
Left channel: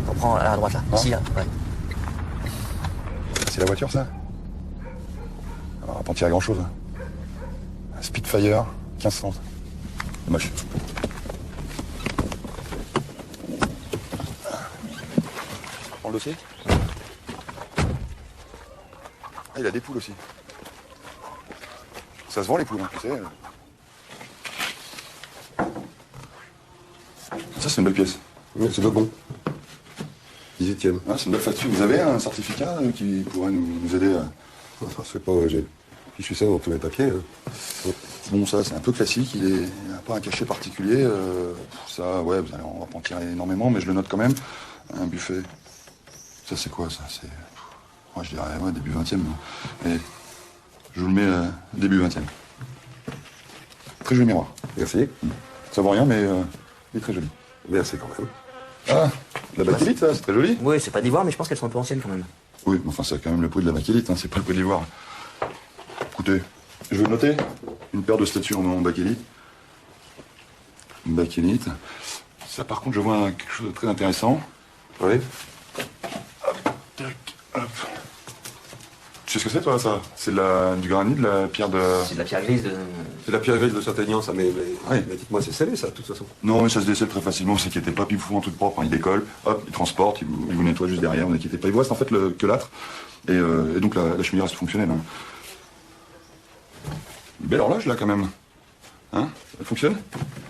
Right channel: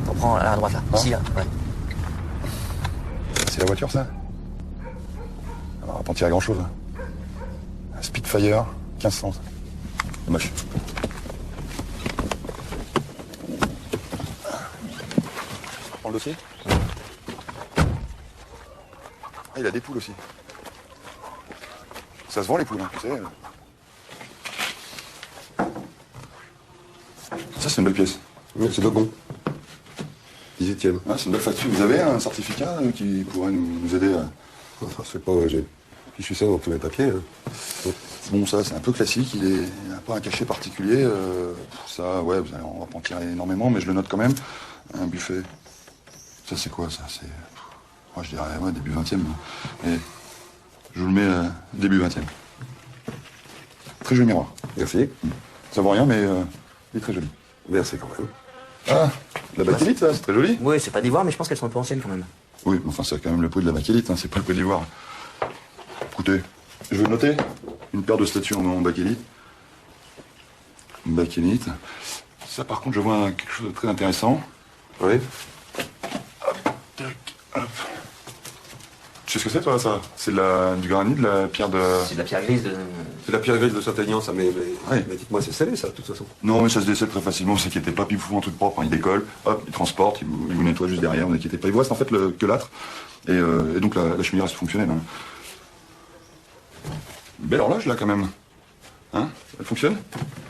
On prend à la droite là. Ici, là. Ouais. C'est la voiture ça? On va pas en tirer grand chose. Spitfire, 1500. Moche. Prends le dossier. Ah, il a des poules aussi. Ça se vend les poules, hein, cassées. Ça c'est une belle pièce. Oui, C'est pas bon. 18e. Ah, c'est une belle facture. Vous avez un certificat qui pourrait nous aider Enfin, je sais pas, je suis ça dans tous les papiers. Bon, ça, c'est un peu classique. Il n'a pas un cachet particulier. Ça, ouais, on va pas en tirer énormément, mais je le note quand même. Un buffet. Ça, c'est quoi, ça? C'est... Moi, je dirais, ouais, début 20e. Mais je vous le mets début 20e. Très joli miroir. Merci. Ça vaut rien, mais il est très joli. Merci quand même. Ah, la bakélite, ça, c'est très joli. Oui, c'est pas des voix, mais je pense qu'elles sont un peu anciennes quand même. Oui, mais enfin, c'est quand même le prix de la bakélite, hein, c'est pas le prix d'ivoire. Écoutez, je vais noter une paire de statues en bakélite. Une bakélite. Ça, par contre, je vois quelque chose de très intéressant. Oui. Tac, hop. Tu sais ce que c'est, toi, ça? C'est du granit, de la pierre de... C'est de la pierre grise. C'est la pierre grise de Saint-Aignan, ça, mais dites-moi, c'est scellé, ça, de toute façon. Non, mais ça se décèle très facilement, ne vous inquiétez pas, puis ils vous font un truc propre, hein, il décolle, hop, il transporte, il vous nettoie juste derrière, ne vous inquiétez pas. Il vous reste en fait que l'âtre, et donc la cheminée reste fonctionnelle. Hein. Une belle horloge, là, quand même. Hein? Elle fonctionne?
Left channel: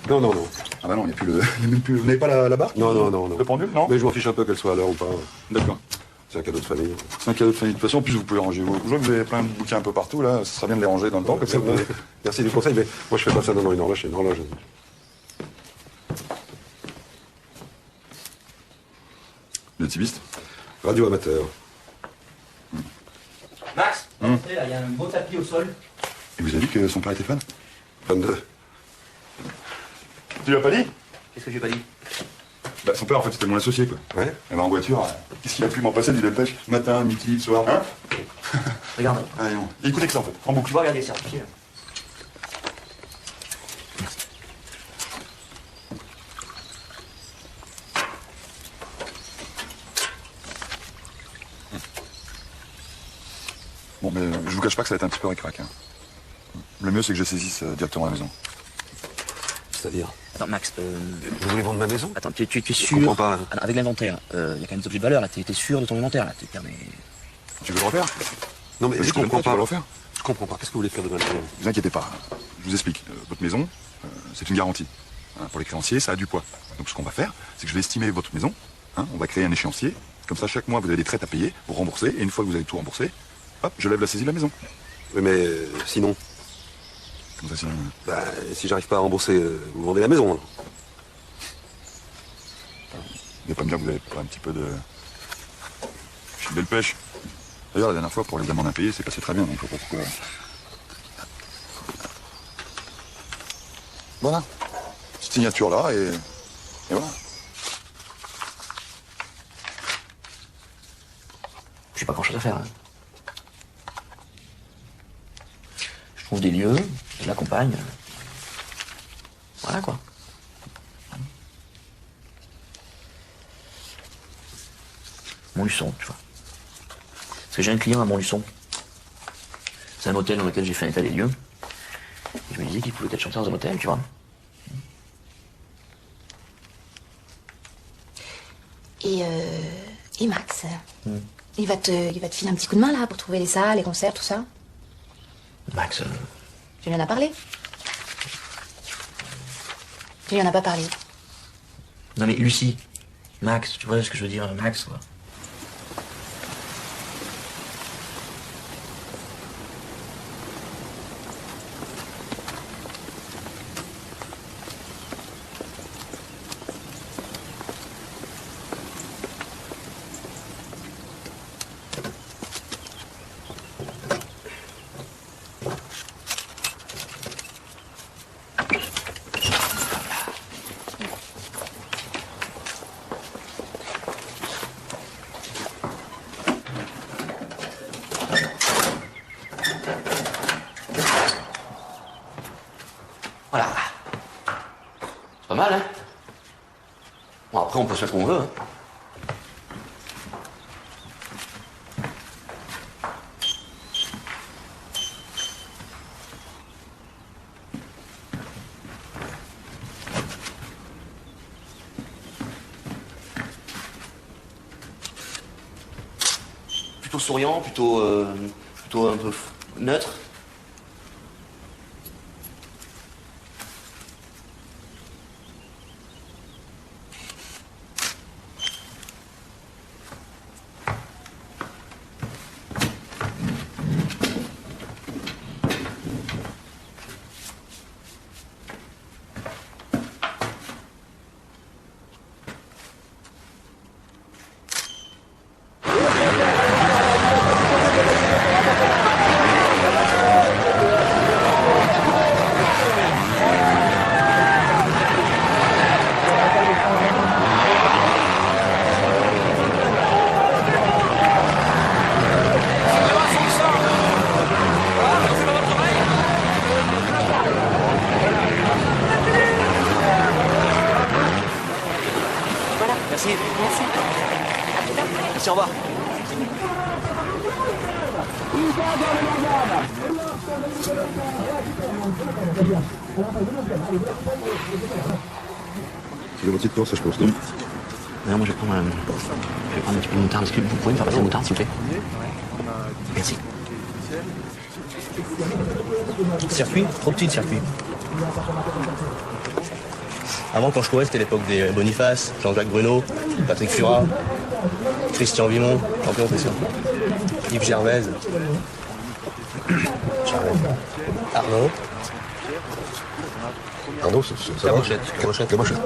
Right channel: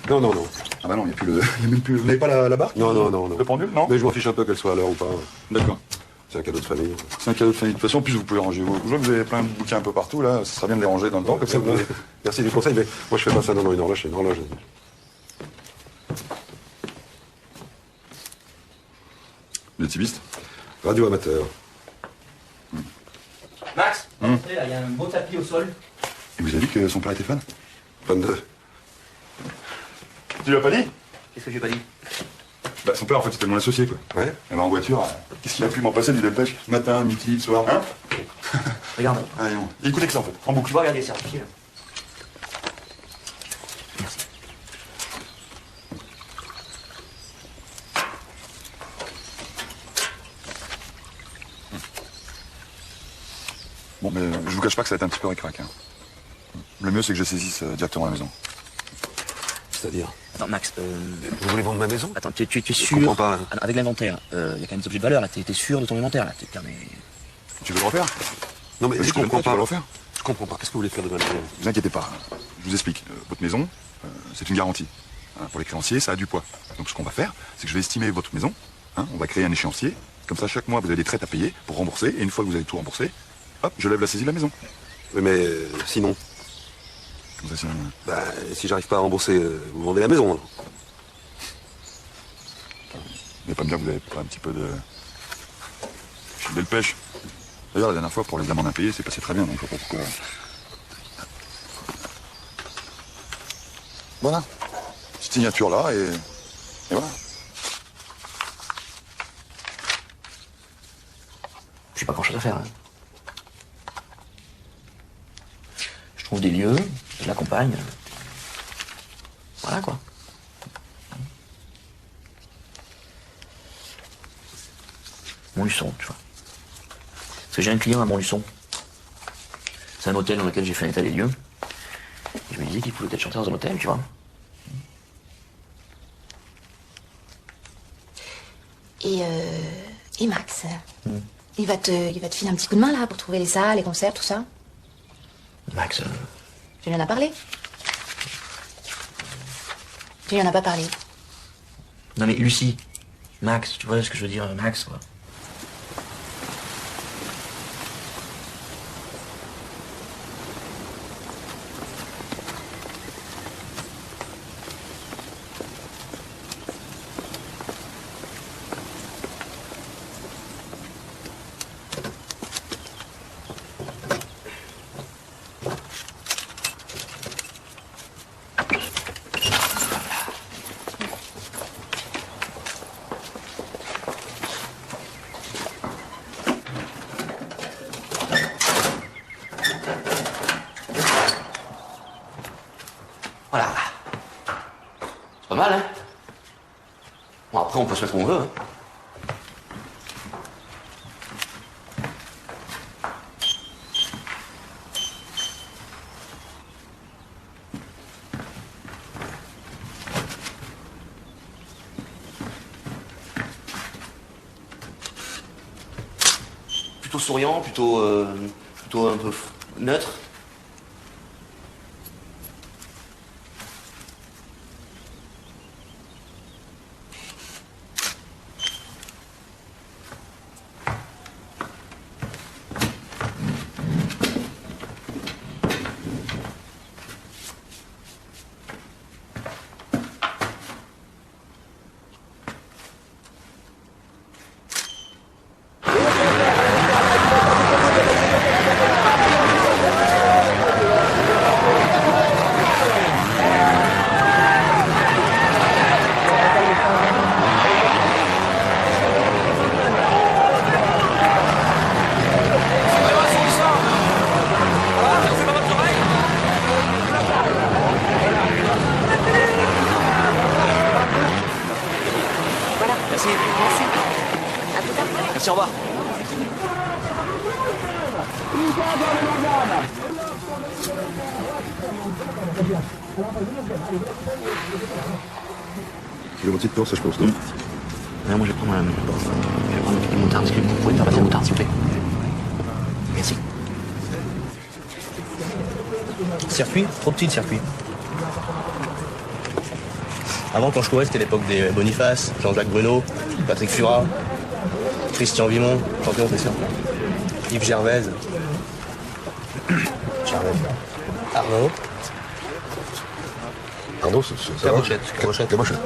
Non, non, non. Ah bah non, il n'y a plus le... Vous n'avez pas la barre? Non, non, non, non. Le pendule, non? Mais je m'en fiche un peu qu'elle soit à l'heure ou pas. D'accord. C'est un cadeau de famille. C'est un cadeau de famille. De toute façon, en plus, vous pouvez ranger vos jouets. Vous avez plein de bouquins un peu partout, là. Ça sera bien de les ranger dans le temps, comme ça. Merci du conseil, mais moi je fais pas ça, non, non, une horloge, c'est une horloge. Une activiste. Radio amateur. Max, il y a un beau tapis au sol. Et vous avez vu que son père était jeune? 22. Tu l'as pas dit? Qu'est-ce que j'ai pas dit? Bah, son père, en fait, c'était mon associé, quoi. Ouais. On l'a en voiture. Qu'est-ce qu'il a pu m'en passer du dépêche? Matin, midi, soir. Hein? Regarde. Allez, bon. Écoutez que ça, en fait. En boucle. Tu vas regarder ça. Bon, mais je vous cache pas que ça va être un petit peu ric-rac. Hein. Le mieux, c'est que je saisisse directement à la maison. C'est-à-dire. Attends, Max, Vous voulez vendre ma maison? attends, tu es Je sûr? comprends pas. Hein. Avec l'inventaire, il y a quand même des objets de valeur, là. T'es sûr de ton inventaire, là? Putain, mais... Tu veux le refaire? Non, mais Je je comprends comprends pas. pas. Le refaire? Je comprends pas. Qu'est-ce que vous voulez faire de ma maison? Ne vous inquiétez pas. Je vous explique. Votre maison, c'est une garantie. Hein, pour les créanciers, ça a du poids. Donc, ce qu'on va faire, c'est que je vais estimer votre maison. Hein, on va créer un échéancier. Comme ça, chaque mois, vous avez des traites à payer pour rembourser. Et une fois que vous avez tout remboursé, hop, je lève la saisie de la maison. Oui, mais sinon, Comme ça, c'est... bah, si j'arrive pas à rembourser, vous vendez la maison. Alors. Mais pas bien que vous avez pas un petit peu de... de pêche. D'ailleurs, la dernière fois, pour les amendes impayées, c'est passé très bien. Donc, faut pas... Voilà. Petite signature là, et voilà. J'ai pas grand-chose à faire, hein. Je trouve des lieux, je l'accompagne. Voilà, quoi. Montluçon, tu vois. Parce que j'ai un client à Montluçon. C'est un hôtel dans lequel j'ai fait un état des lieux. Je me disais qu'il pouvait être chanter dans un hôtel, tu vois. Et Max, il va te filer un petit coup de main là pour trouver les salles, les concerts, tout ça. Max, Je viens à parler. Tu lui en as pas parlé. Non mais Lucie, Max, tu vois ce que je veux dire, Max, quoi. Voilà. C'est pas mal, hein? Bon, après, on peut se mettre où là, hein? Plutôt souriant, plutôt un peu neutre. Merci. Merci. Merci, au revoir. J'ai moitié de temps, ça je pense. Non, moi je vais prendre un petit peu de moutarde, parce que vous pouvez faire de moutarde, s'il vous plaît. Merci. Circuit, trop petit le circuit. Avant, quand je courais, c'était l'époque des Boniface, Jean-Jacques Bruno, Patrick Furat, Christian Vimon, champion officiel, Yves Gervaise, Arnaud. Arnaud, c'est La brochette, la brochette.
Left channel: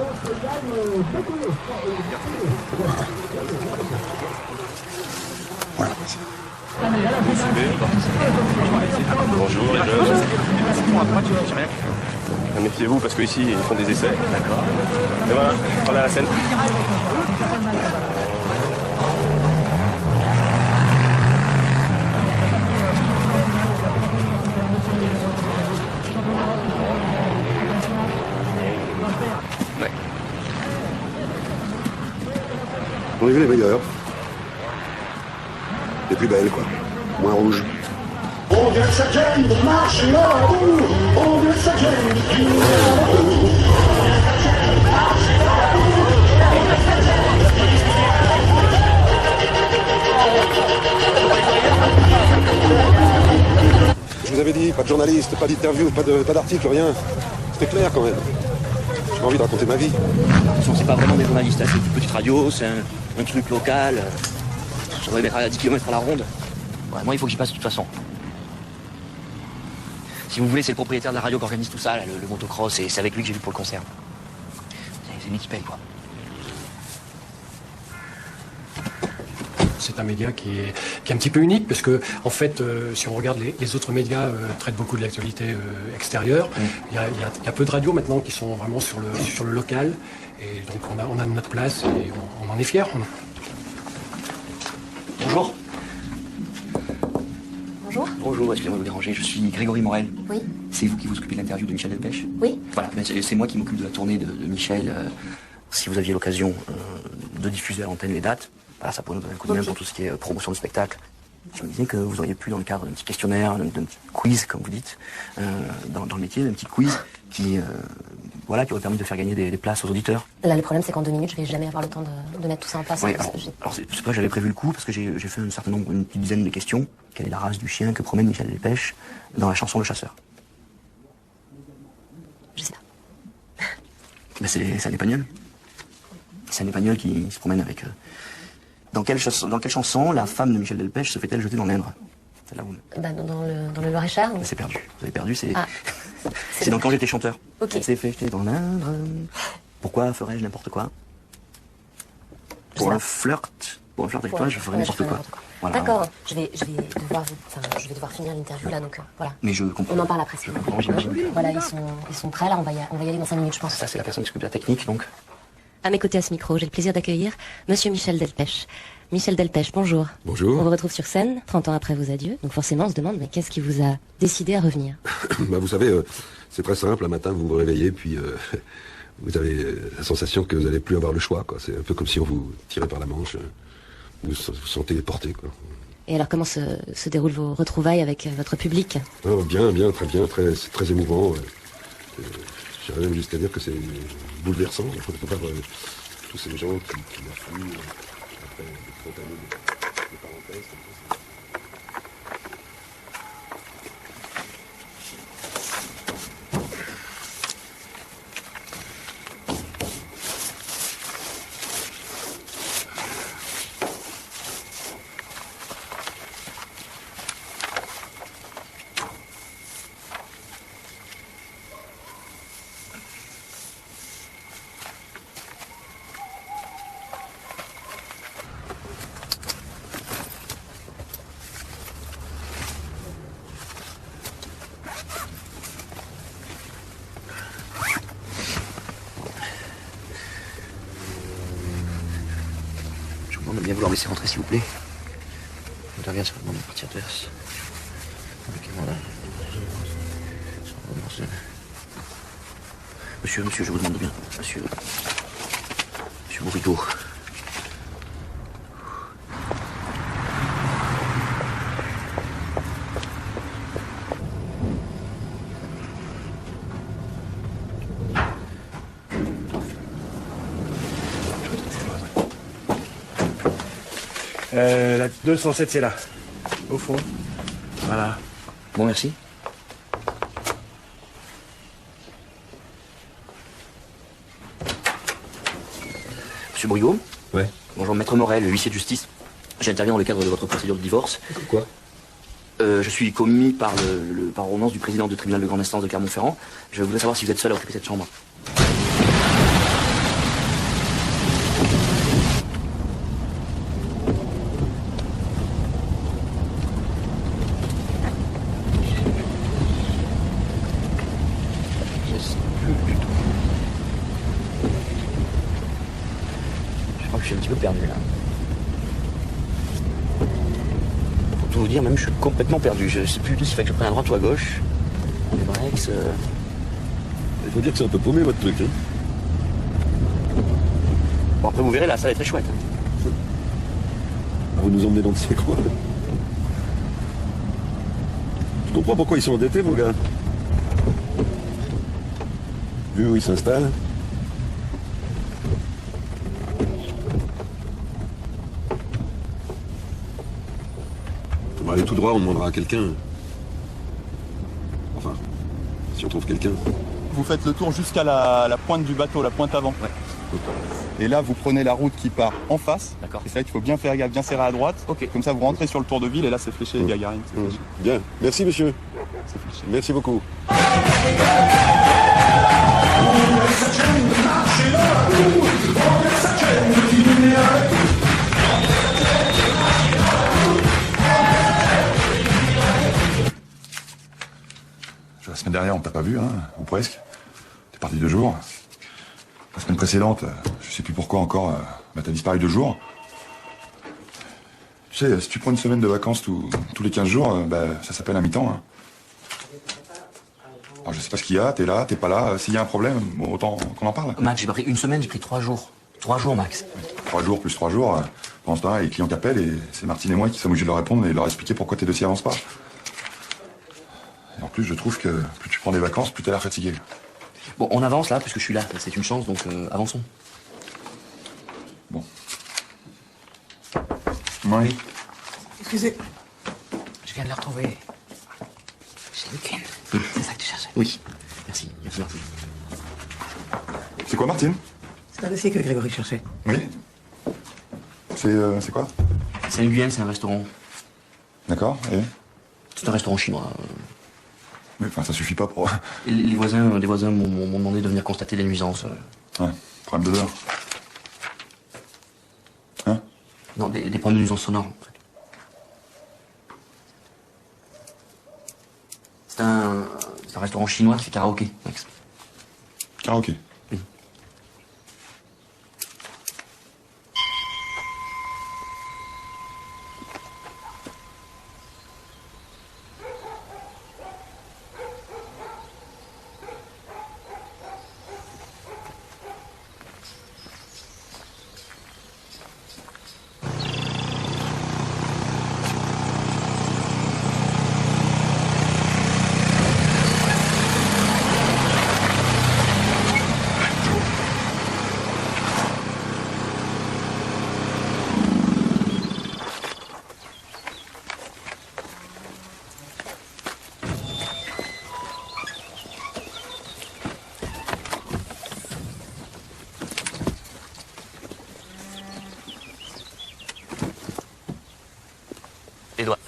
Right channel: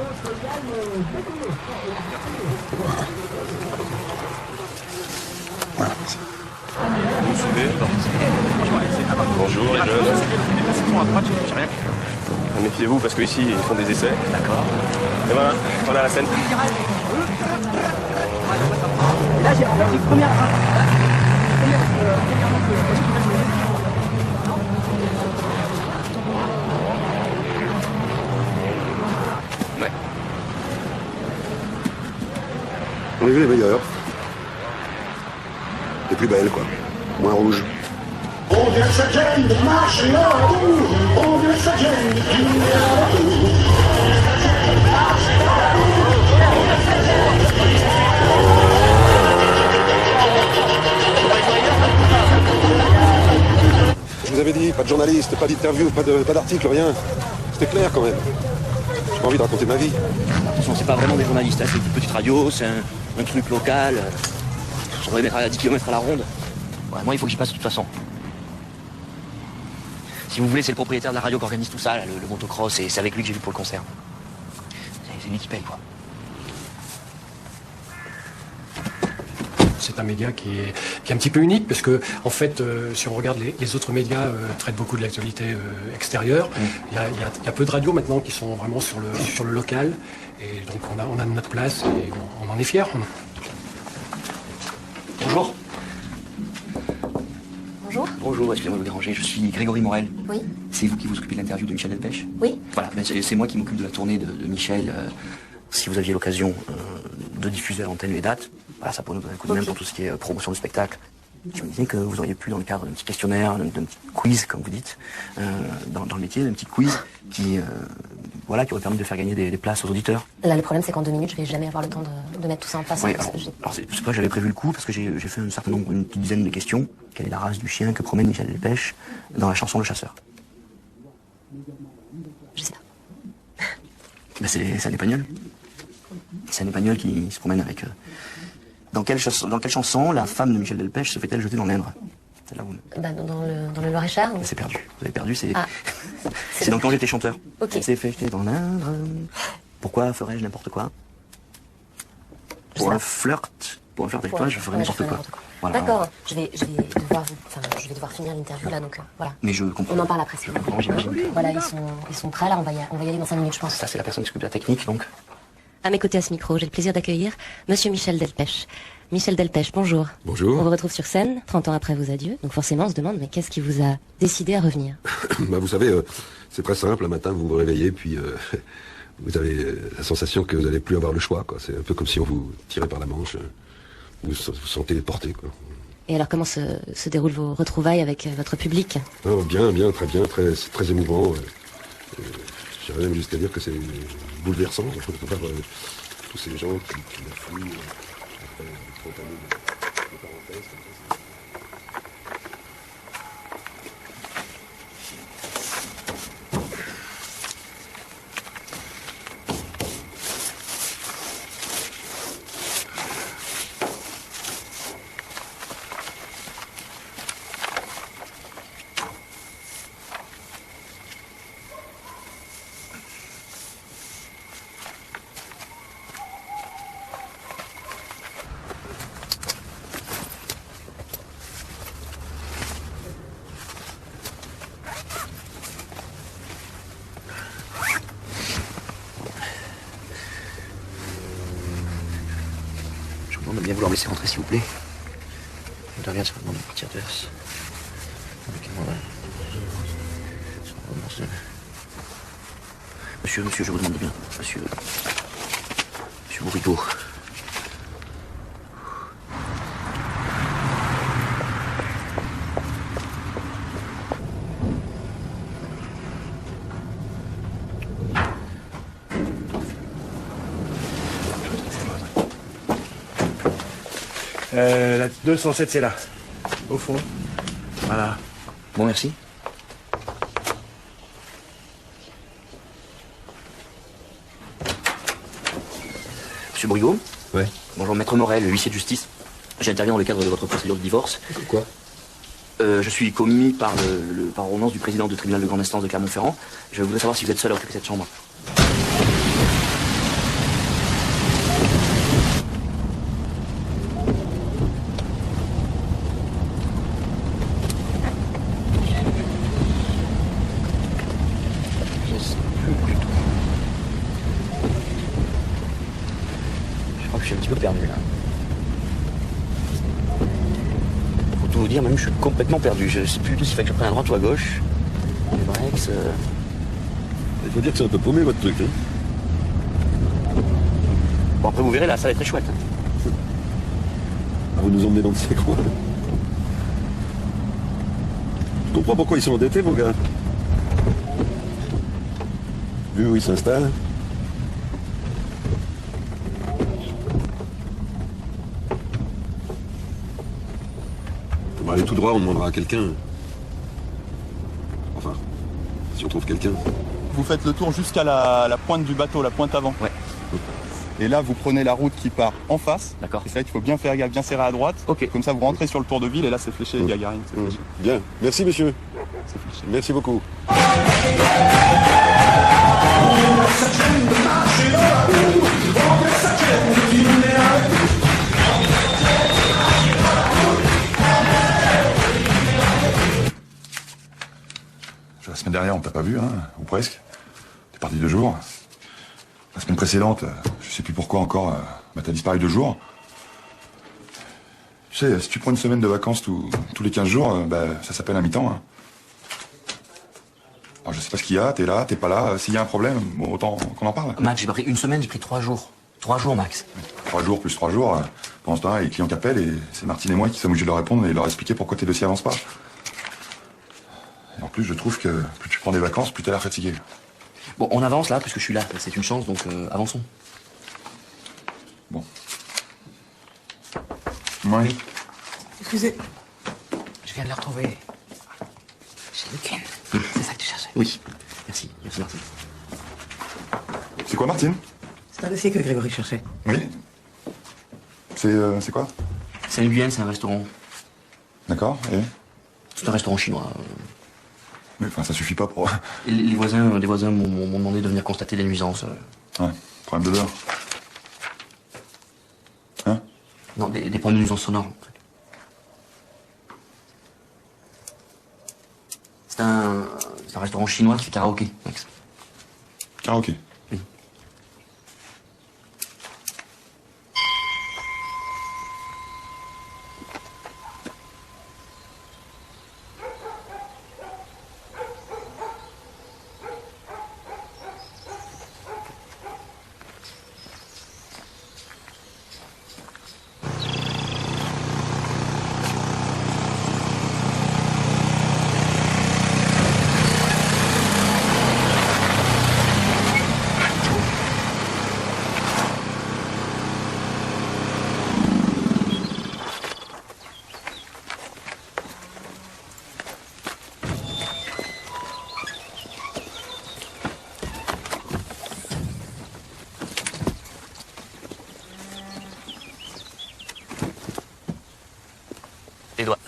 Bonjour. Méfiez-vous parce qu'ici ils font des essais. D'accord. Romain, pendant la scène. On est vu les meilleurs. Les plus belles, quoi. Moins rouges. On veut se gêne de marcher en tour. On veut se gêne de crier. Je vous avais dit, pas de journaliste, pas d'interview, pas d'article, rien. C'était clair quand même. J'ai pas envie de raconter ma vie. De toute façon, c'est pas vraiment des journalistes, c'est une petite radio, c'est un truc local. On va mettre à 10 km à la ronde. Ouais, moi, il faut que j'y passe de toute façon. Si vous voulez, c'est le propriétaire de la radio qui organise tout ça, là, le motocross, et c'est avec lui que j'ai vu pour le concert. C'est lui qui paye, quoi. C'est un média qui est un petit peu unique parce que, en fait, si on regarde les autres médias traitent beaucoup de l'actualité extérieure. Il y a peu de radios maintenant qui sont vraiment sur le local. Et donc on a notre place et on en est fiers. Bonjour. Bonjour. Bonjour, excusez-moi de vous déranger, je suis Grégory Morel. Oui. C'est vous qui vous occupez de l'interview de Michel Delpech? Oui. Voilà, c'est moi qui m'occupe de la tournée de Michel. Si vous aviez l'occasion de diffuser à l'antenne les dates, bah, ça pourrait nous donner un coup de main pour tout ce qui est promotion du spectacle. Je me disais que vous auriez pu, dans le cadre d'un petit questionnaire, d'un petit quiz, comme vous dites, dans le métier, d'un petit quiz qui aurait permis de faire gagner des places aux auditeurs. Là, le problème, c'est qu'en 2 minutes, je vais jamais avoir le temps de mettre tout ça en place. Ouais, alors c'est pas que j'avais prévu le coup, parce que j'ai fait un certain nombre, une petite dizaine de questions. Quelle est la race du chien que promène Michel Delpech dans la chanson Le Chasseur? Je sais pas. Bah, c'est un espagnol. C'est un espagnol qui se promène avec... Dans quelle chanson la femme de Michel Delpech se fait-elle jeter dans l'Indre? Bah, dans le Loir-et-Cher. C'est perdu. Vous avez perdu, c'est... C'est dans Quand j'étais chanteur. Ok. C'est fait jeter dans l'Indre. Pourquoi ferais-je n'importe quoi? Pour un flirt avec toi, je ferais n'importe quoi. Voilà. D'accord. Je vais devoir finir l'interview là, donc voilà. Mais je comprends. On en parle après. Je comprends, j'imagine. Voilà, ils sont prêts là, on va y aller dans 5 minutes, je pense. Ça, c'est la personne qui s'occupe de la technique, donc. À mes côtés à ce micro, j'ai le plaisir d'accueillir Monsieur Michel Delpech. Michel Delpech, bonjour. Bonjour. On vous retrouve sur scène, 30 ans après vos adieux. Donc forcément, on se demande, mais qu'est-ce qui vous a décidé à revenir? Bah, vous savez, c'est très simple. Un matin, vous vous réveillez, puis vous avez la sensation que vous n'allez plus avoir le choix, quoi. C'est un peu comme si on vous tirait par la manche. Vous vous sentez porté, quoi. Et alors, comment se déroulent vos retrouvailles avec votre public? Oh, bien, très bien. C'est très émouvant. J'aimerais même jusqu'à dire que c'est bouleversant. Tous ces gens qui me fouillent. On va bien vouloir laisser rentrer, s'il vous plaît. Derrière, ça va demander de partir de verse. Monsieur, je vous demande bien. Monsieur Bouritou. La 207, c'est là. Au fond. Voilà. Bon, merci. Monsieur Bouritou? Ouais. Bonjour, maître Morel, huissier de justice. J'interviens dans le cadre de votre procédure de divorce. Quoi? Je suis commis par l'ordonnance du président du tribunal de grande instance de Clermont-Ferrand. Je voudrais savoir si vous êtes seul à occuper cette chambre. Je suis un petit peu perdu là. Faut tout vous dire, même je suis complètement perdu. Je sais plus si je fais le plein à droite ou à gauche. Le Brex. Il faut dire que c'est un peu paumé votre truc. Hein. Bon, après vous verrez, la salle est très chouette. Vous nous emmenez dans ces croix. Je comprends pas pourquoi ils sont endettés, vos gars. Vu où ils s'installent. On va aller tout droit, on demandera à quelqu'un. Enfin, si on trouve quelqu'un. Vous faites le tour jusqu'à la pointe du bateau, la pointe avant. Ouais. Et là, vous prenez la route qui part en face. D'accord. Et c'est vrai qu'il faut bien faire gaffe, bien serrer à droite. Ok. Comme ça, vous rentrez sur le tour de ville et là, c'est fléché, Gagarine. C'est fléché. Bien, merci monsieur. Merci beaucoup. La semaine dernière, on t'a pas vu, hein, ou presque. T'es parti 2 jours. La semaine précédente, je sais plus pourquoi encore, t'as disparu 2 jours. Tu sais, si tu prends une semaine de vacances tous les 15 jours, ça s'appelle un mi-temps. Hein. Alors, je sais pas ce qu'il y a, t'es là, t'es pas là. S'il y a un problème, bon, autant qu'on en parle. Max, j'ai pas pris une semaine, j'ai pris 3 jours. 3 jours, Max. 3 jours plus 3 jours. Pendant ce temps-là, les clients t'appellent et c'est Martine et moi qui sommes obligés de leur répondre et de leur expliquer pourquoi tes dossiers avancent pas. Et en plus, je trouve que plus tu prends des vacances, plus t'as l'air fatigué. Bon, on avance là, parce que je suis là. C'est une chance, donc avançons. Bon. Oui. Excusez. Je viens de la retrouver. C'est le week-end. C'est ça que tu cherches? Oui. Merci. Merci. quoi, Martine? C'est un dossier que j'ai voulu chercher. Oui. C'est quoi? C'est une c'est un restaurant. D'accord, et? C'est un restaurant chinois. Ouais, enfin, ça suffit pas pour... Et les voisins m'ont demandé de venir constater les nuisances. Ah, problème d'odeur. Hein? Non, des problèmes de nuisances sonores. C'est un restaurant chinois qui fait karaoké. Karaoké? Oui. Les doigts.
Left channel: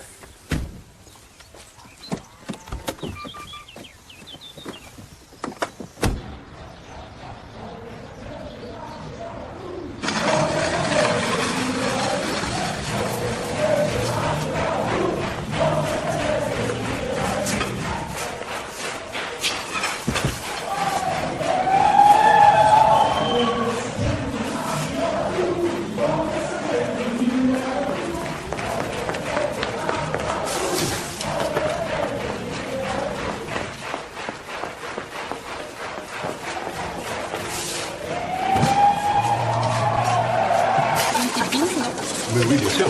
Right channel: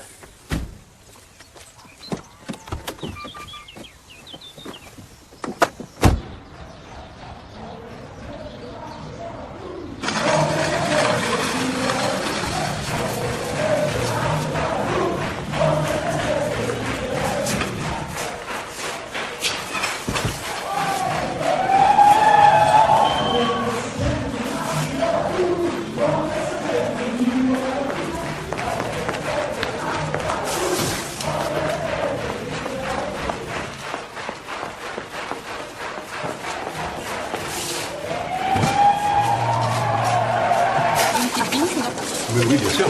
Oui, bien sûr.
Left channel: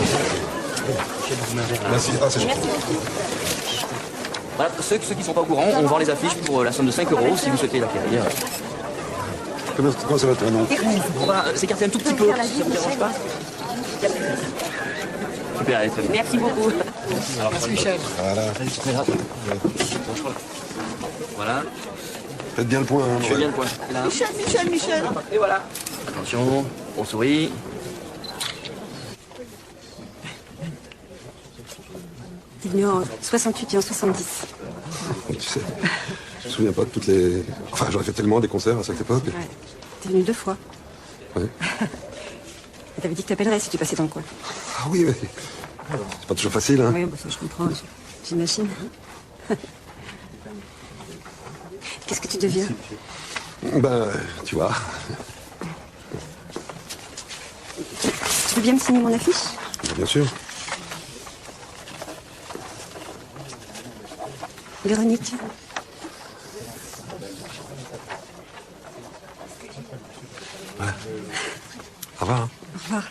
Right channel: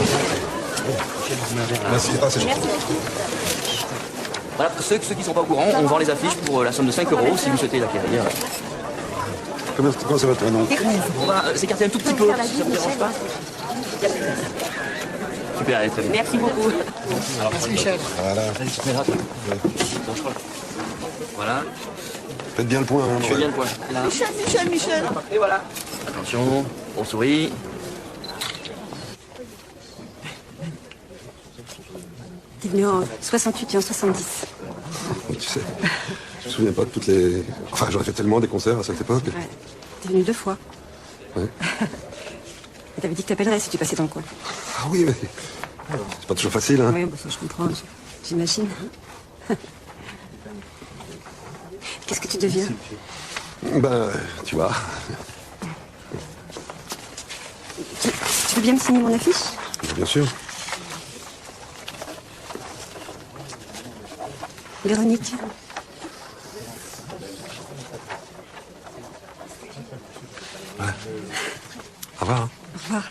Merci. Ah, c'est gentil. Voilà, pour ceux qui sont pas au courant, on vend les affiches pour la somme de 5 € si vous souhaitez la acquérir. Comment ça va ton nom? C'est un tout petit peu. Ça vous dérange pas? Super, allez, très bien. Merci beaucoup. Merci Michel. Voilà. Faites bien le point. Hein, Je fais bien le point. Michel. Et voilà. Attention, on sourit. T'es venu en 68 et en 70. Oui, tu sais, je me souviens pas de toutes les... Enfin, j'aurais fait tellement des concerts à cette époque. Ouais. T'es venu 2 fois. Ouais. Et t'avais dit que t'appellerais si tu passais dans le coin. Ah oui, mais... C'est pas toujours facile, hein. Oui, bah ça je comprends, j'imagine. Qu'est-ce que tu deviens? Tu vois. Tu veux bien me signer mon affiche? Bien sûr. Véronique. Au revoir. Au revoir.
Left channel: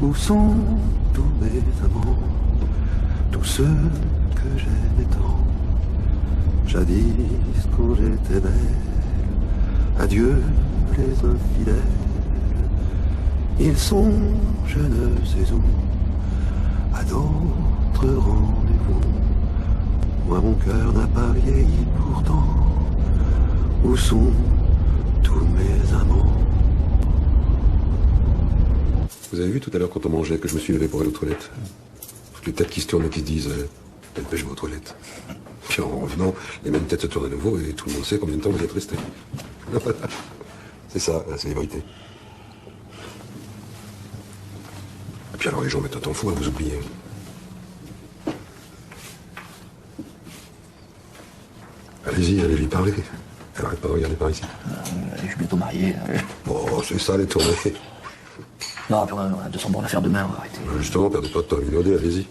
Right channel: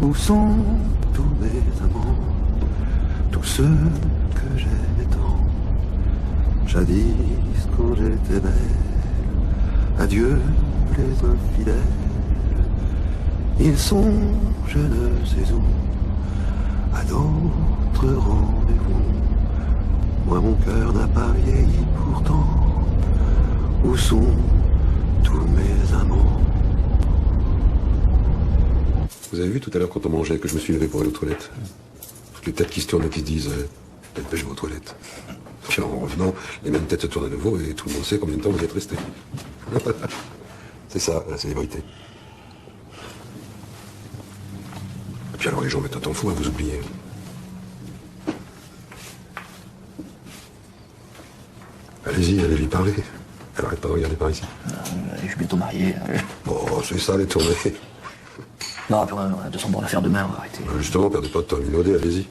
Où sont tous mes amants, tous ceux que j'aimais tant, jadis quand j'étais belle, adieu les infidèles, ils sont je ne sais où, à notre rendez-vous, moi mon cœur n'a pas vieilli pourtant, où sont tous mes amants? Vous avez vu tout à l'heure quand on mangeait que je me suis levé pour aller aux toilettes? Toutes les têtes qui se tournent et qui se disent quelle belle aux toilettes. Puis en revenant, les mêmes têtes se tournent à nouveau et tout le monde sait combien de temps vous êtes restés. C'est ça, la célébrité. Et puis alors les gens mettent autant fou à vous oublier. Allez-y, allez lui parler. Elle n'arrête pas de regarder par ici. Je suis bientôt marié. Oh, c'est ça les tournées. Non, attends, de toute façon, pour la faire demain, on va arrêter. Justement, perdez pas de temps, Minaudé, allez-y.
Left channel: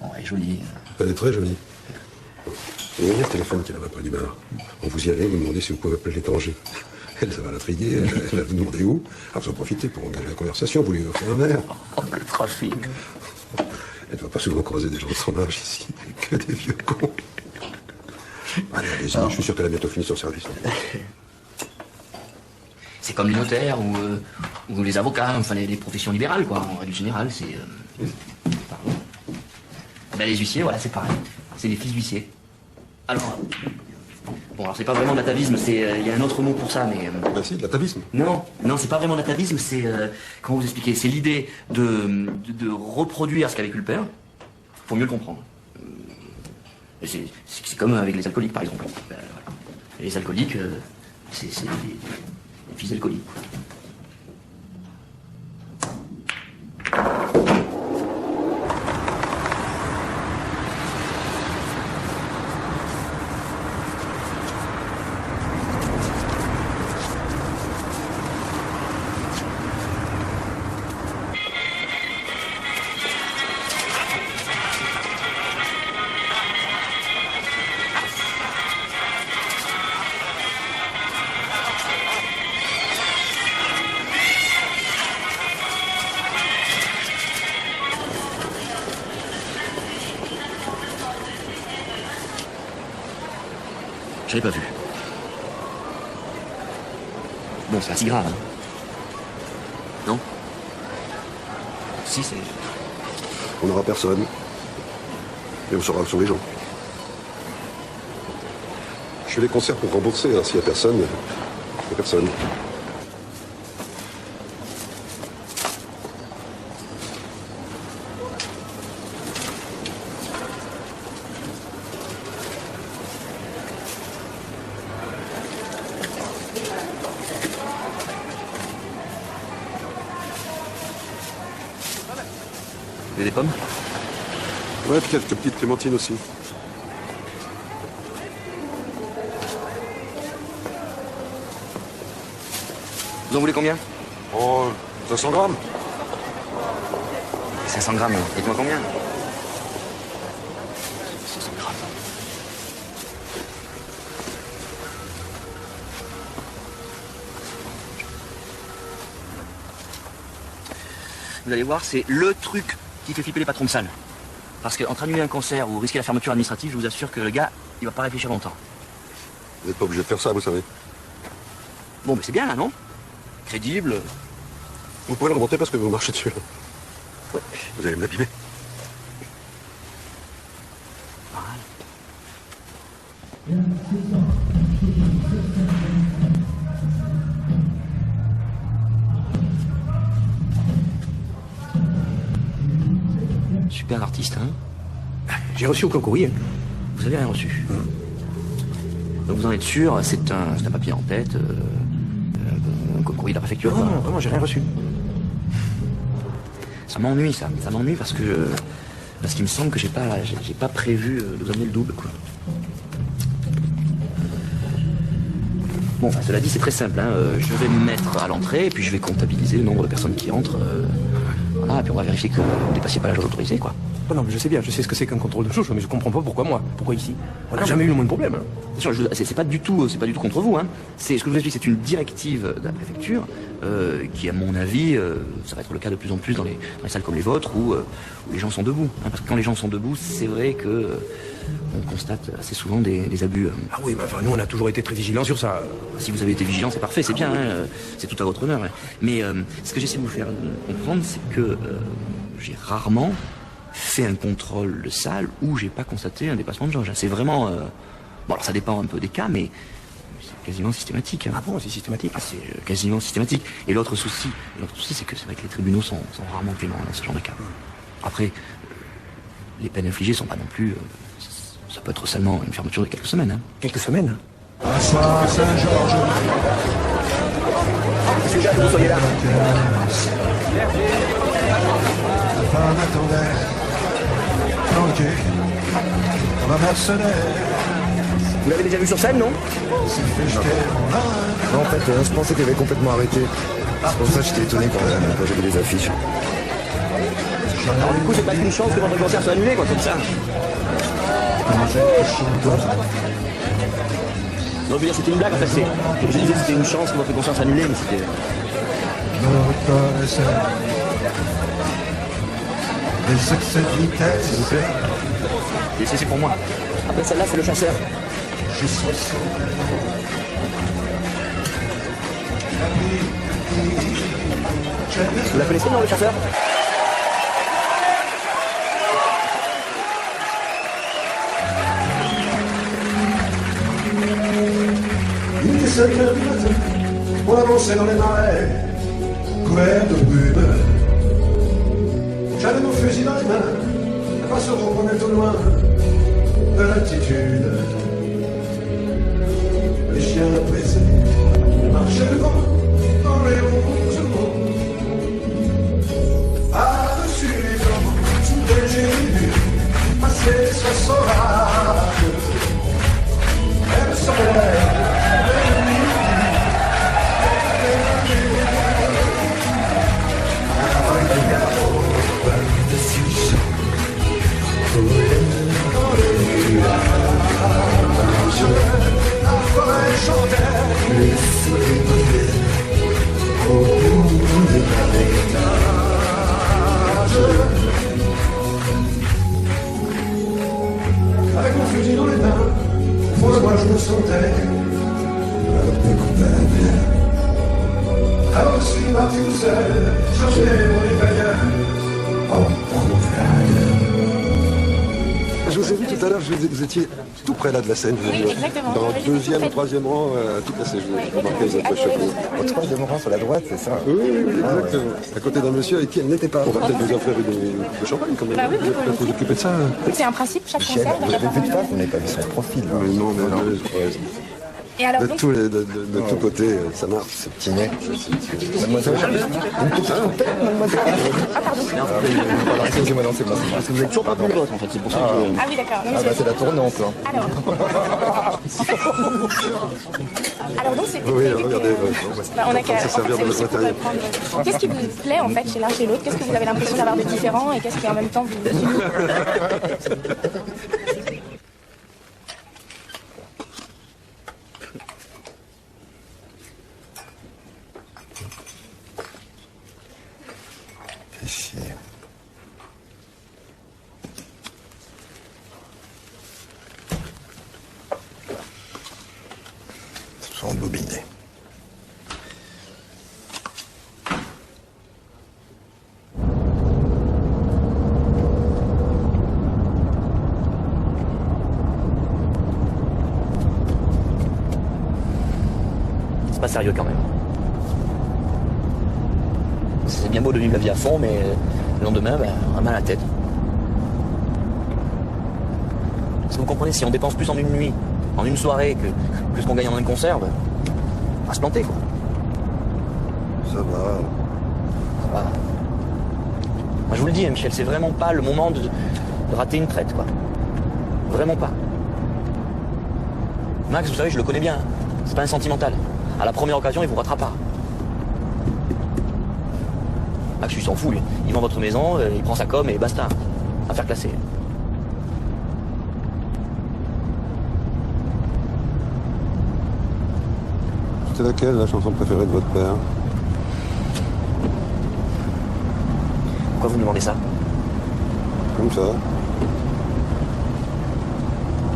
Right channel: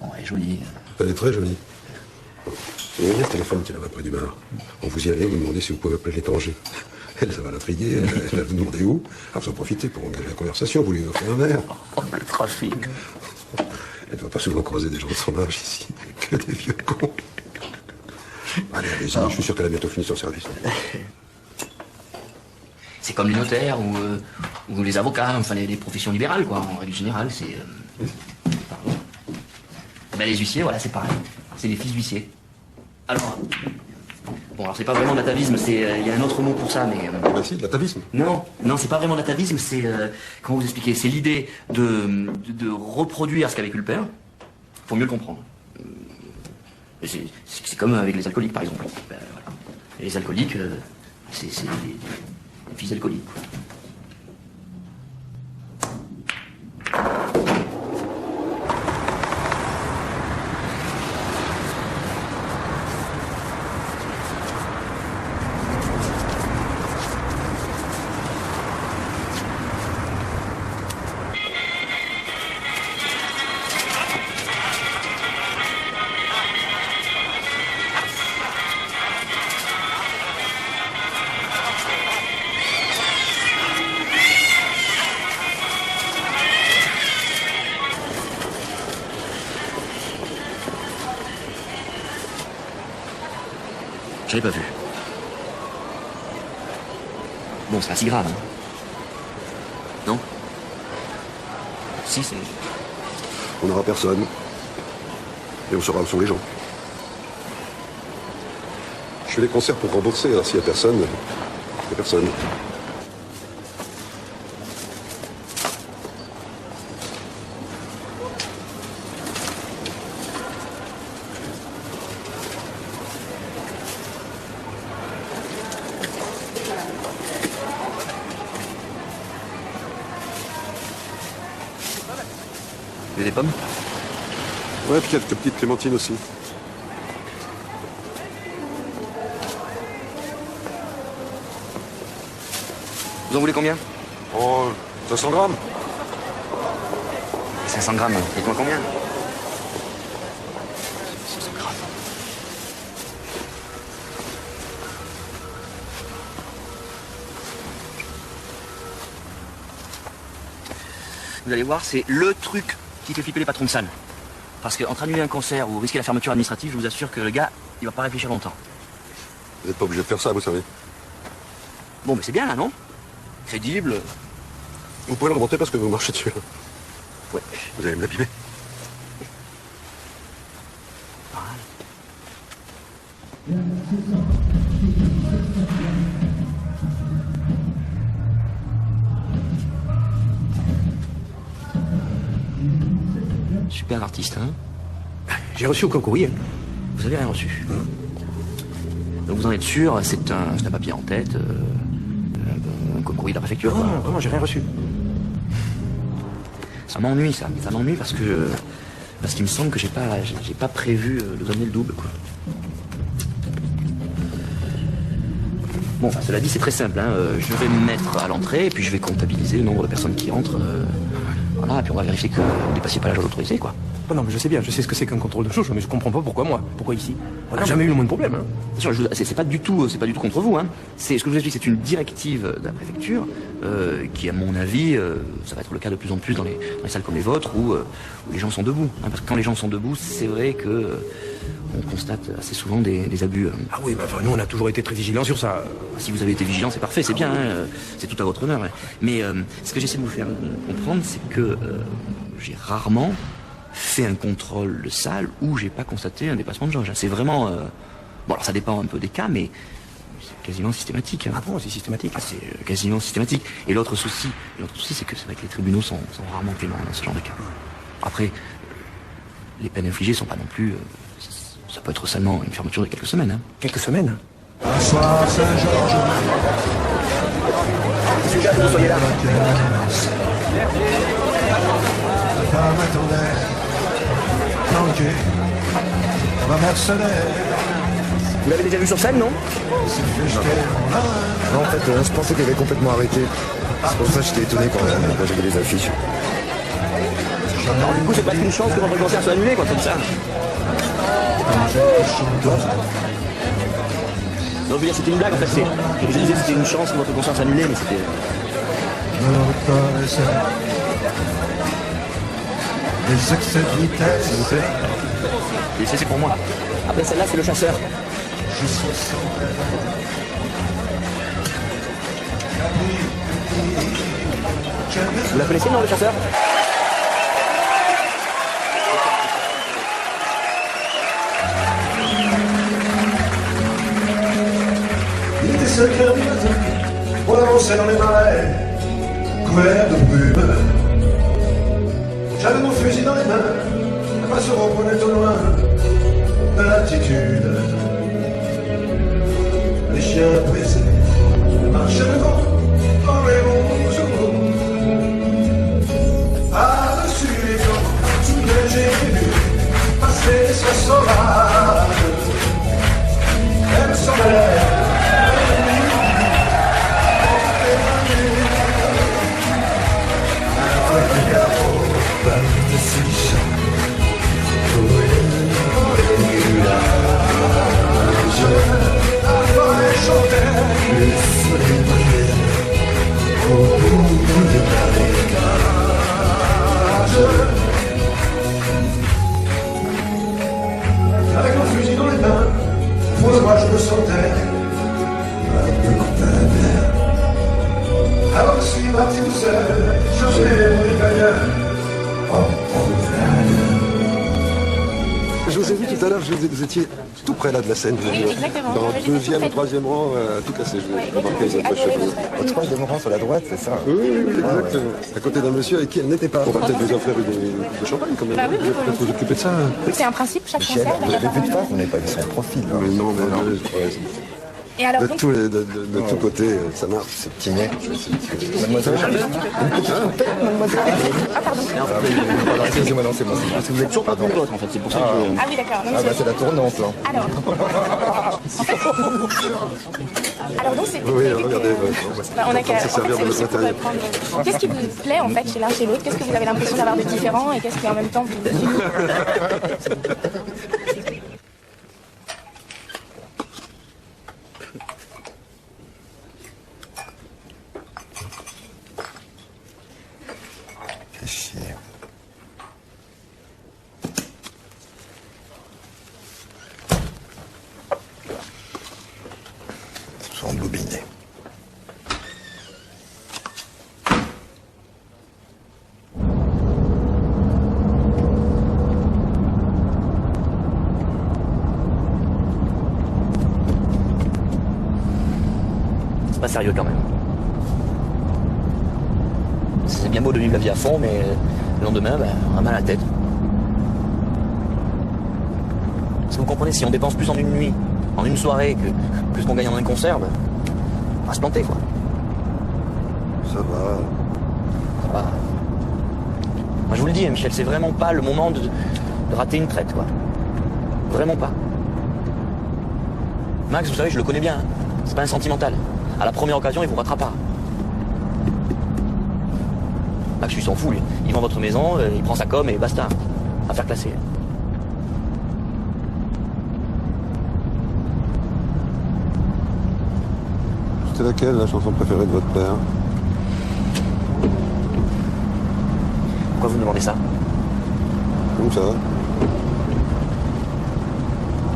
Non, elle est jolie. Elle est très jolie. Vous voyez le téléphone qui en a pas du marre. Quand vous y allez, vous demandez si vous pouvez appeler l'étranger. Elle va l'intriguer, elle va lui demander où. Alors, faut profiter pour engager la conversation, vous lui offrez un verre. Trafic. Elle ne doit pas seulement croiser des gens de son âge ici, que des vieux cons. Allez, allez-y, je suis sûr qu'elle a bientôt fini son service. C'est comme les notaires ou les avocats, enfin les professions libérales, quoi. En règle générale, c'est... Eh ben, les huissiers, voilà, c'est pareil. C'est les fils d'huissiers. Alors... Bon, alors c'est pas vraiment l'atavisme, c'est... Il y a un autre mot pour ça, mais... Ah si, l'atavisme. Non, c'est pas vraiment l'atavisme, c'est... comment vous expliquer? C'est l'idée de reproduire ce qu'a vécu le père, pour mieux le comprendre. C'est comme avec les alcooliques, par exemple. Voilà. Et les alcooliques, c'est les fils d'alcooliques. Je l'ai pas vu. Bon, c'est pas si grave. Non? Si, c'est... On n'aura personne. Et on saura où sont les gens. Je fais des concerts pour compenser, hein. S'il n'y a personne, il n'y a personne. Il y a des pommes? Ouais, puis quelques petites clémentines aussi. Vous en voulez combien? Oh, 500 grammes. 500 grammes, faites-moi combien? 500 grammes. Vous allez voir, c'est le truc qui fait flipper les patrons de salle. Parce qu'entre annuler un concert ou risquer la fermeture administrative, je vous assure que le gars, il va pas réfléchir longtemps. Vous n'êtes pas obligé de faire ça, vous savez. Bon, mais c'est bien là, non? Crédible. Vous pouvez le remonter parce que vous marchez dessus. Ouais. Vous allez me l'abîmer. Super artiste, hein? J'ai reçu aucun courrier. Vous avez rien reçu. Donc vous en êtes sûr, c'est un papier en tête, un courrier de la préfecture. Non, j'ai rien reçu. Ça m'ennuie, ça m'ennuie parce qu'il me semble que j'ai pas prévu de donner le double, quoi. Bon, enfin, cela dit, c'est très simple, hein. Je vais me mettre à l'entrée et puis je vais comptabiliser le nombre de personnes qui entrent. Voilà, et puis on va vérifier que vous ne dépassiez pas la jauge autorisée, quoi. Non, mais je sais bien, je sais ce que c'est qu'un contrôle de jauge, mais je comprends pas pourquoi moi. Pourquoi ici? On n'a jamais eu le même problème. Hein. C'est pas du tout contre vous, hein. C'est ce que je vous ai dit, c'est une directive de la préfecture qui, à mon avis, ça va être le cas de plus en plus dans les salles comme les vôtres où les gens sont debout. Hein, parce que quand les gens sont debout, c'est vrai que on constate assez souvent des abus. Ah oui, bah nous on a toujours été très vigilants sur ça. Si vous avez été vigilant, c'est parfait, c'est bien, hein, c'est tout à votre honneur. Hein. Mais ce que j'essaie de vous faire comprendre, c'est que j'ai rarement fait un contrôle de salle où j'ai pas constaté un dépassement de jauge. C'est vraiment... bon, alors ça dépend un peu des cas, mais c'est quasiment systématique. Hein. Ah bon, c'est systématique? C'est quasiment systématique. Et l'autre souci, c'est que c'est vrai que les tribunaux sont rarement cléments dans ce genre de cas. Après, les peines infligées sont pas non plus... ça peut être seulement une fermeture de quelques semaines. Hein. Quelques semaines? Bonsoir Saint-Georges. Monsieur Jacques, vous soyez là. On va mettre solaire. Vous l'avez déjà vu sur scène, non? Non. En fait, je pensais qu'il avait complètement arrêté. En fait, j'étais étonné quand j'ai vu les affiches. Alors, du coup, c'est pas une chance que le concert soit annulé, quoi, tout ça. Non, je veux dire, c'était une blague. En fait, je disais c'était une chance que votre conscience s'annulait, mais c'était... Et ça, c'est pour moi. Après, ça là, c'est les chasseurs. Vous la connaissez, non, les chasseurs? C'était 5 heures du matin, on avançait dans les marais, couverts de brume. J'avais mon fusil dans les mains, pas se reconnaître au loin de l'altitude. Les chiens pressés marchaient devant dans les rouges mots. Par-dessus les eaux, sous les généreux, passer ce sauvage. Elle serait avec mon fusil dans les mains, mon orage me sentait un peu dans la mer. Alors si ma petite sœur, je faisais mon épingle en montagne. Je vous ai vu tout à l'heure, vous étiez tout près là de la scène. Dans le deuxième ou troisième rang, à tout casser. Je remarquais les approches. Au troisième rang sur la droite, c'est ça? Oui, exactement. À côté d'un monsieur avec qui elle n'était pas. On va peut-être déjà faire une champagne quand même. Bah oui, Vous vous occupez de ça? c'est un principe, chaque concert. Vous n'avez pas vu son profil. Non, Et alors, de tous côtés, ça marche. Excusez-moi, non, c'est pas ça. Vous êtes toujours pas d'accord, en fait, c'est pour ça que... ah oui, d'accord. C'est la tendance, hein. Alors, nous, c'est... Oui, regardez. Bah, on a qu'à... C'est aussi pour prendre... Qu'est-ce qui vous plaît, en fait, chez l'un chez l'autre? Qu'est-ce que vous avez l'impression d'avoir de différent? Et qu'est-ce qui, en même temps, vous... Embobiné. C'est pas sérieux quand même. C'est bien beau de vivre la vie à fond, mais le lendemain, on a mal à la tête. Si vous comprenez, si on dépense plus en une nuit, en une soirée, que ce qu'on gagne en un concert, on va se planter, quoi. Ça va. Ça va. Moi, je vous le dis, Michel, c'est vraiment pas le moment de rater une traite, quoi. Vraiment pas. Max, vous savez, je le connais bien. C'est pas un sentimental. À la première occasion, il vous rattrapera. Max, il s'en fout, lui. Il vend votre maison, il prend sa com et basta. Affaire classée. C'est laquelle, la chanson préférée de votre père? Pourquoi vous me demandez ça? Comme ça.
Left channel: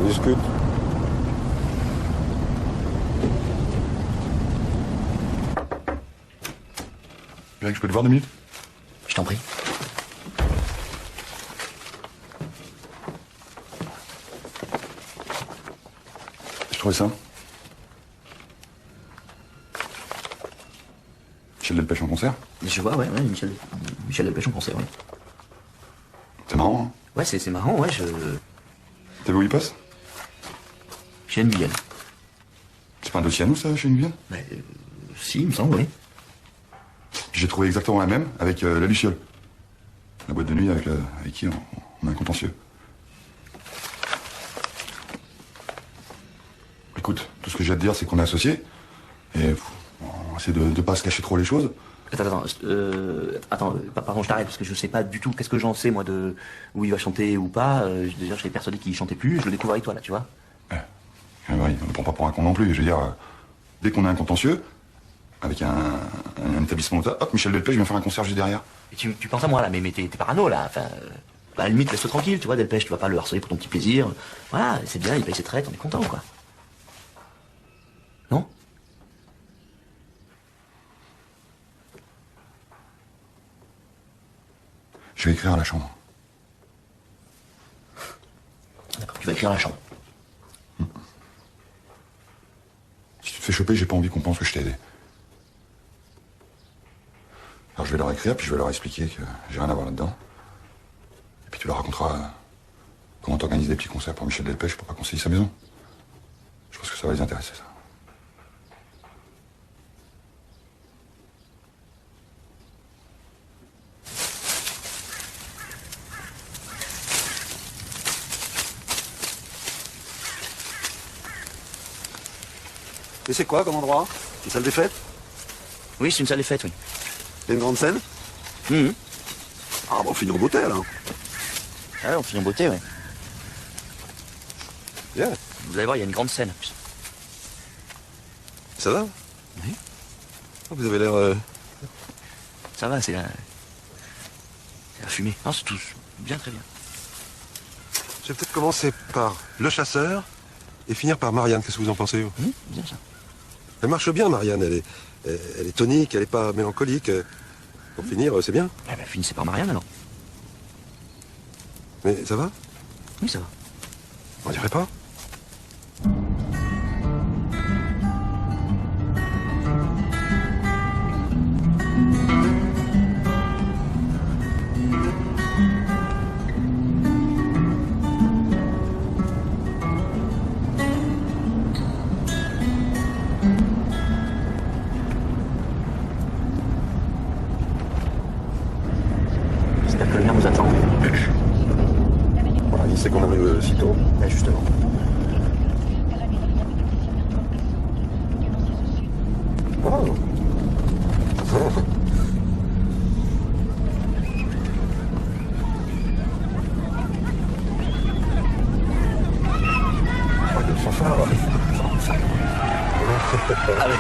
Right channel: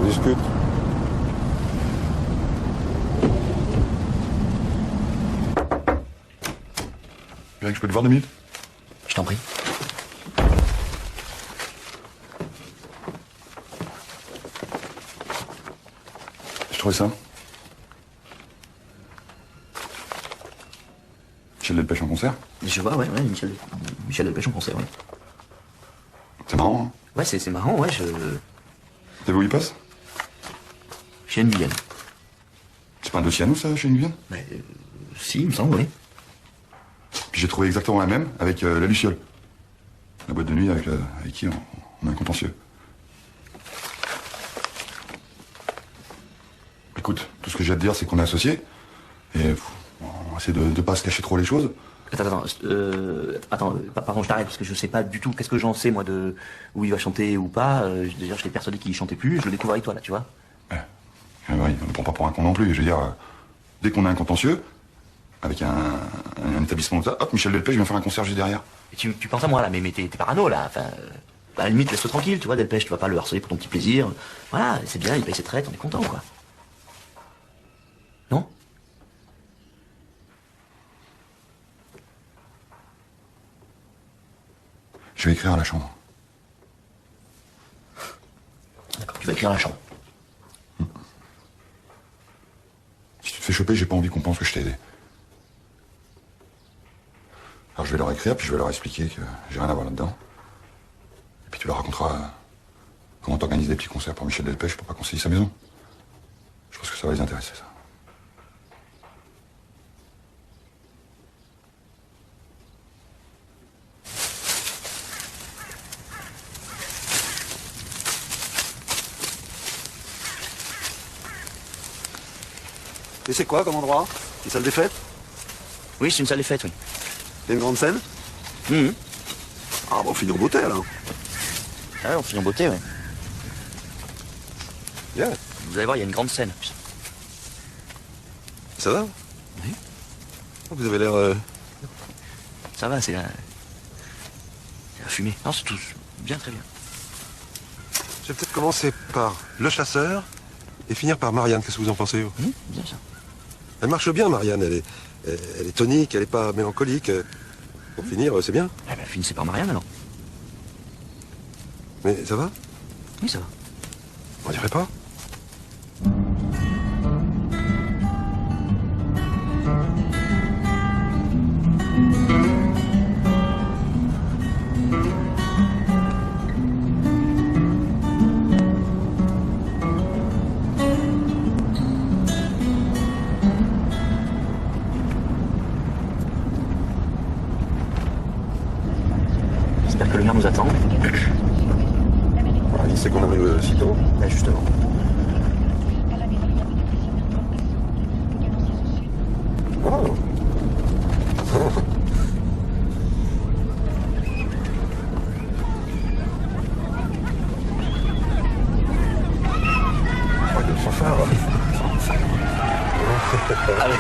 On discute. Bien que je peux te voir 2 minutes? Je t'en prie. Je trouvais ça. Michel Delpech en concert? Je vois, ouais, Michel Delpech en concert, ouais. C'est marrant, hein? Ouais, c'est marrant, ouais, T'as vu où il passe? Chez Anne Miguel. C'est pas un dossier à nous, ça, chez Miguel? Si, il me semble, ouais. Puis j'ai trouvé exactement la même avec la Luciole. La boîte de nuit avec qui on a un contentieux. Écoute, tout ce que j'ai à te dire, c'est qu'on est associés. Et on essaie de pas se cacher trop les choses. Attends, pardon, je t'arrête, parce que je sais pas du tout qu'est-ce que j'en sais, moi, de où il va chanter ou pas. D'ailleurs, je l'ai persuadé qu'il chantait plus, je l'ai découvert avec toi, là, tu vois. Ouais. Oui, on ne prend pas pour un con non plus. Je veux dire, dès qu'on a un contentieux, avec un établissement de ça, hop, Michel Delpech, ils vont faire un concierge derrière. Et tu penses à moi, là, mais t'es parano, là. Enfin, bah, à la limite, laisse-toi tranquille, tu vois, Delpech, tu vas pas le harceler pour ton petit plaisir. Voilà, c'est bien, il paye ses traites, on est content, quoi. Non? Je vais écrire à la chambre. D'accord, tu vas écrire à la chambre. Si tu te fais choper, j'ai pas envie qu'on pense que je t'ai aidé. Alors je vais leur écrire, puis je vais leur expliquer que j'ai rien à voir là-dedans. Et puis tu leur raconteras comment t'organises des petits concerts pour Michel Delpech pour pas qu'on se dise sa maison. Je pense que ça va les intéresser, ça. Et c'est quoi comme endroit? Une salle des fêtes? Oui, c'est une salle des fêtes, oui. Une grande scène? Ah, bon, on finit en beauté, alors. Ah, on finit en beauté, oui. Bien. Vous allez voir, il y a une grande scène. Ça va? Oui. Vous avez l'air... Ça va, c'est la fumée. Ah, c'est tout bien, très bien. Je vais peut-être commencer par Le Chasseur et finir par Marianne. Qu'est-ce que vous en pensez? Bien ça. Elle marche bien, Marianne. Elle est tonique, elle est pas mélancolique. Pour finir, c'est bien. Eh ben, finissez par Marianne, alors. Mais ça va? Oui, ça va. On dirait pas? Certainement nous attend. C'est qu'on arrive sitôt. Là, justement.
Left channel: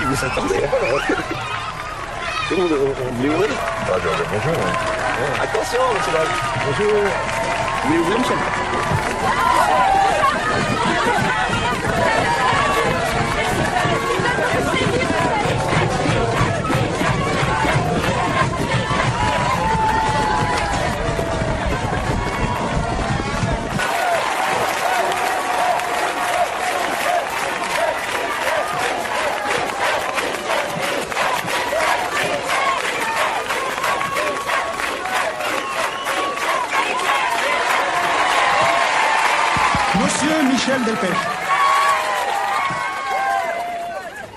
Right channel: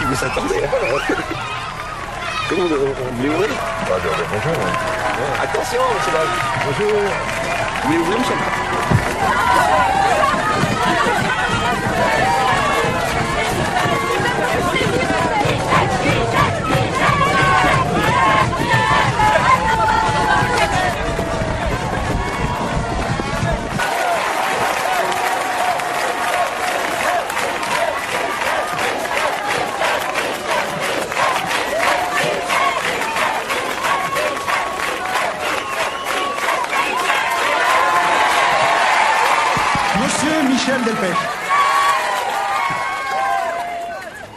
Vous s'attendez comment on est ouvert? Attention, c'est là. Monsieur Michel Delpech,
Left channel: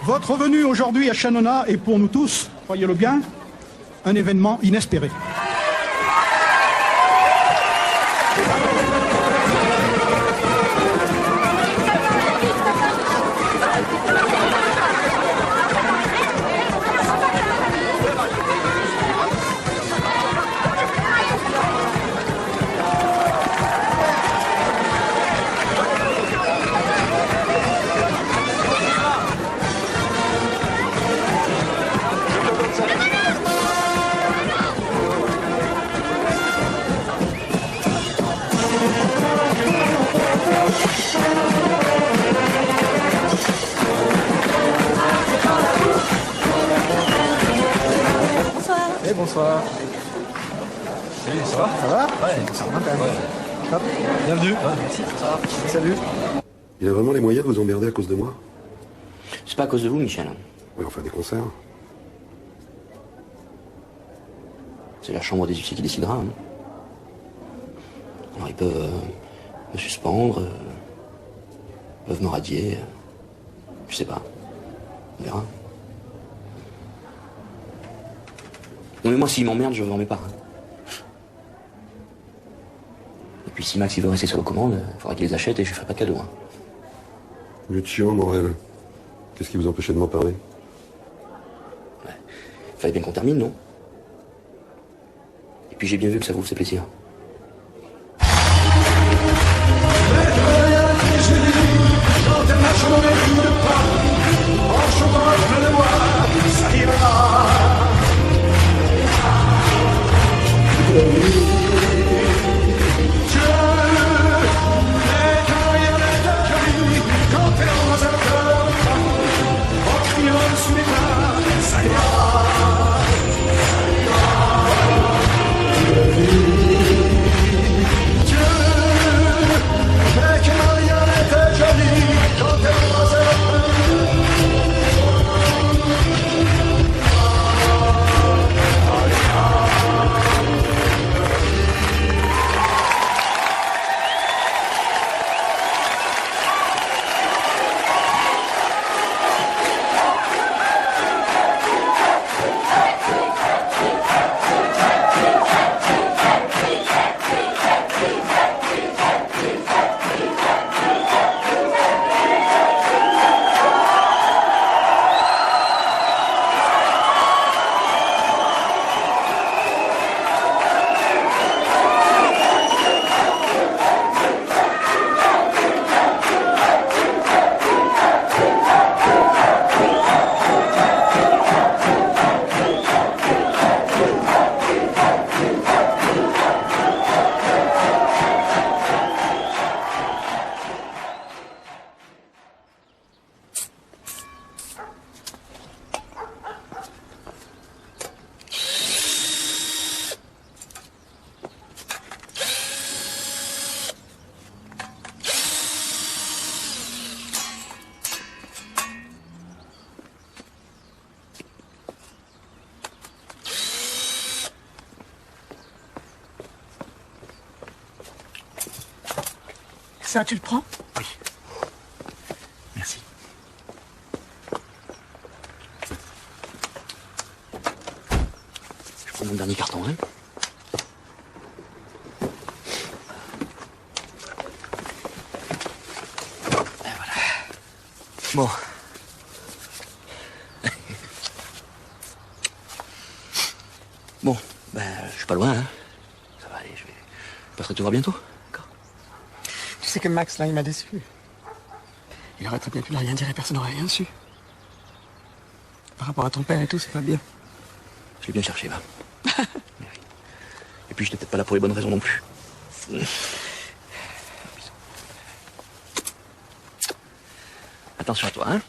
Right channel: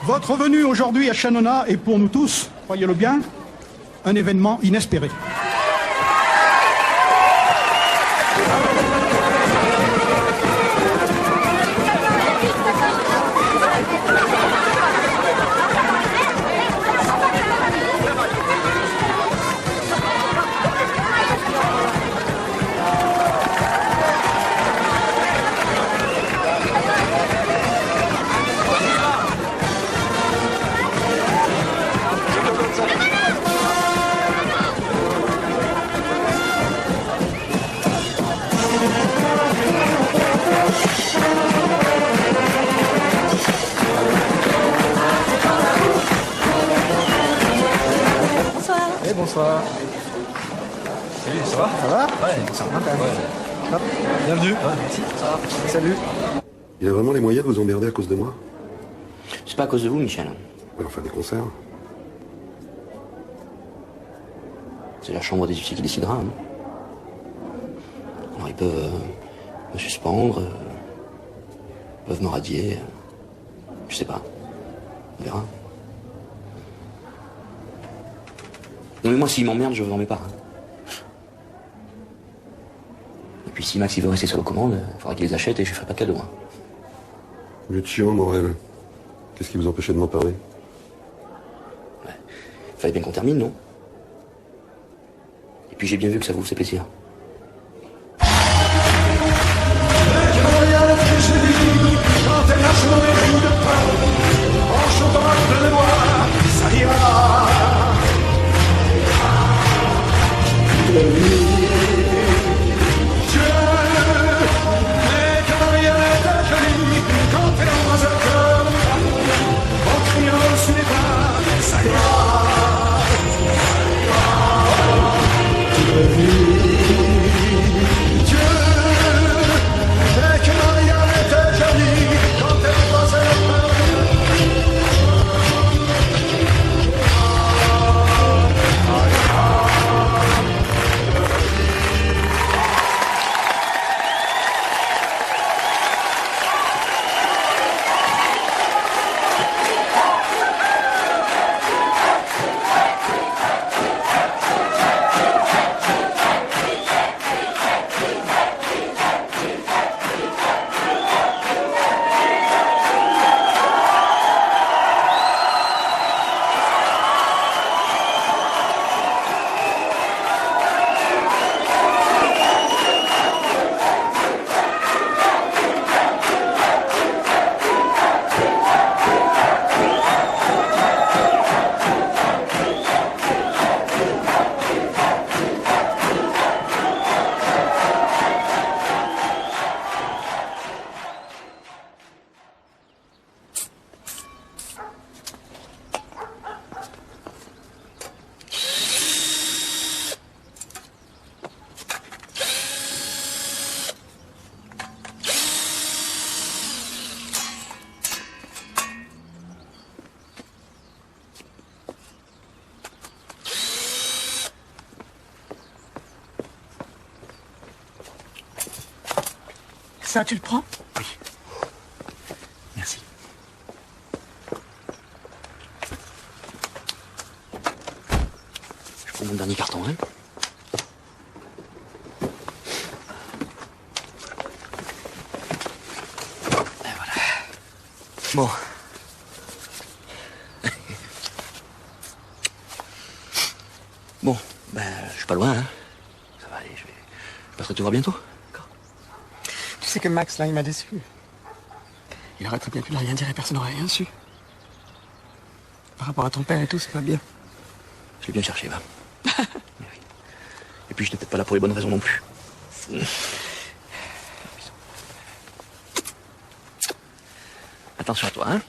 votre venue aujourd'hui à Chanona est pour nous tous, croyez-le bien, un événement inespéré. Bonsoir. Salut, ça va? Ça va? Ouais, Bienvenue. ça va. Salut. Il y a vraiment les moyens de vous emmerder à cause de moi? C'est pas à cause de vous, Michel. Ouais, on fait des concerts. C'est la chambre des huissiers qui décidera. Hein. Alors, ils peuvent me suspendre, peuvent me radier. Je sais pas. On verra. Non mais moi s'ils m'emmerdent, je m'en mets pas. Hein. Et puis si Max il veut rester sur la commande, il faudra qu'il les achète et je lui ferai pas de cadeau. Hein. Vous êtes sûr, Morel? Qu'est-ce qui vous empêche de m'en parler? Ouais. Fallait bien qu'on termine, non? Et puis j'ai bien vu que ça vous fait plaisir. Je Ça, tu le prends? Oui. Merci. Je prends mon dernier carton, hein. Et voilà. Bon. Bon, ben, je suis pas loin, hein. Ça va aller, je passerai te voir bientôt. Tu sais que Max, là, il m'a déçu. Il aurait très bien pu rien dire et personne n'aurait rien su. Par rapport à ton père et tout, c'est pas bien. Je l'ai bien cherché, va. Et puis, j'étais peut-être pas là pour les bonnes raisons non plus. Attention à toi, hein.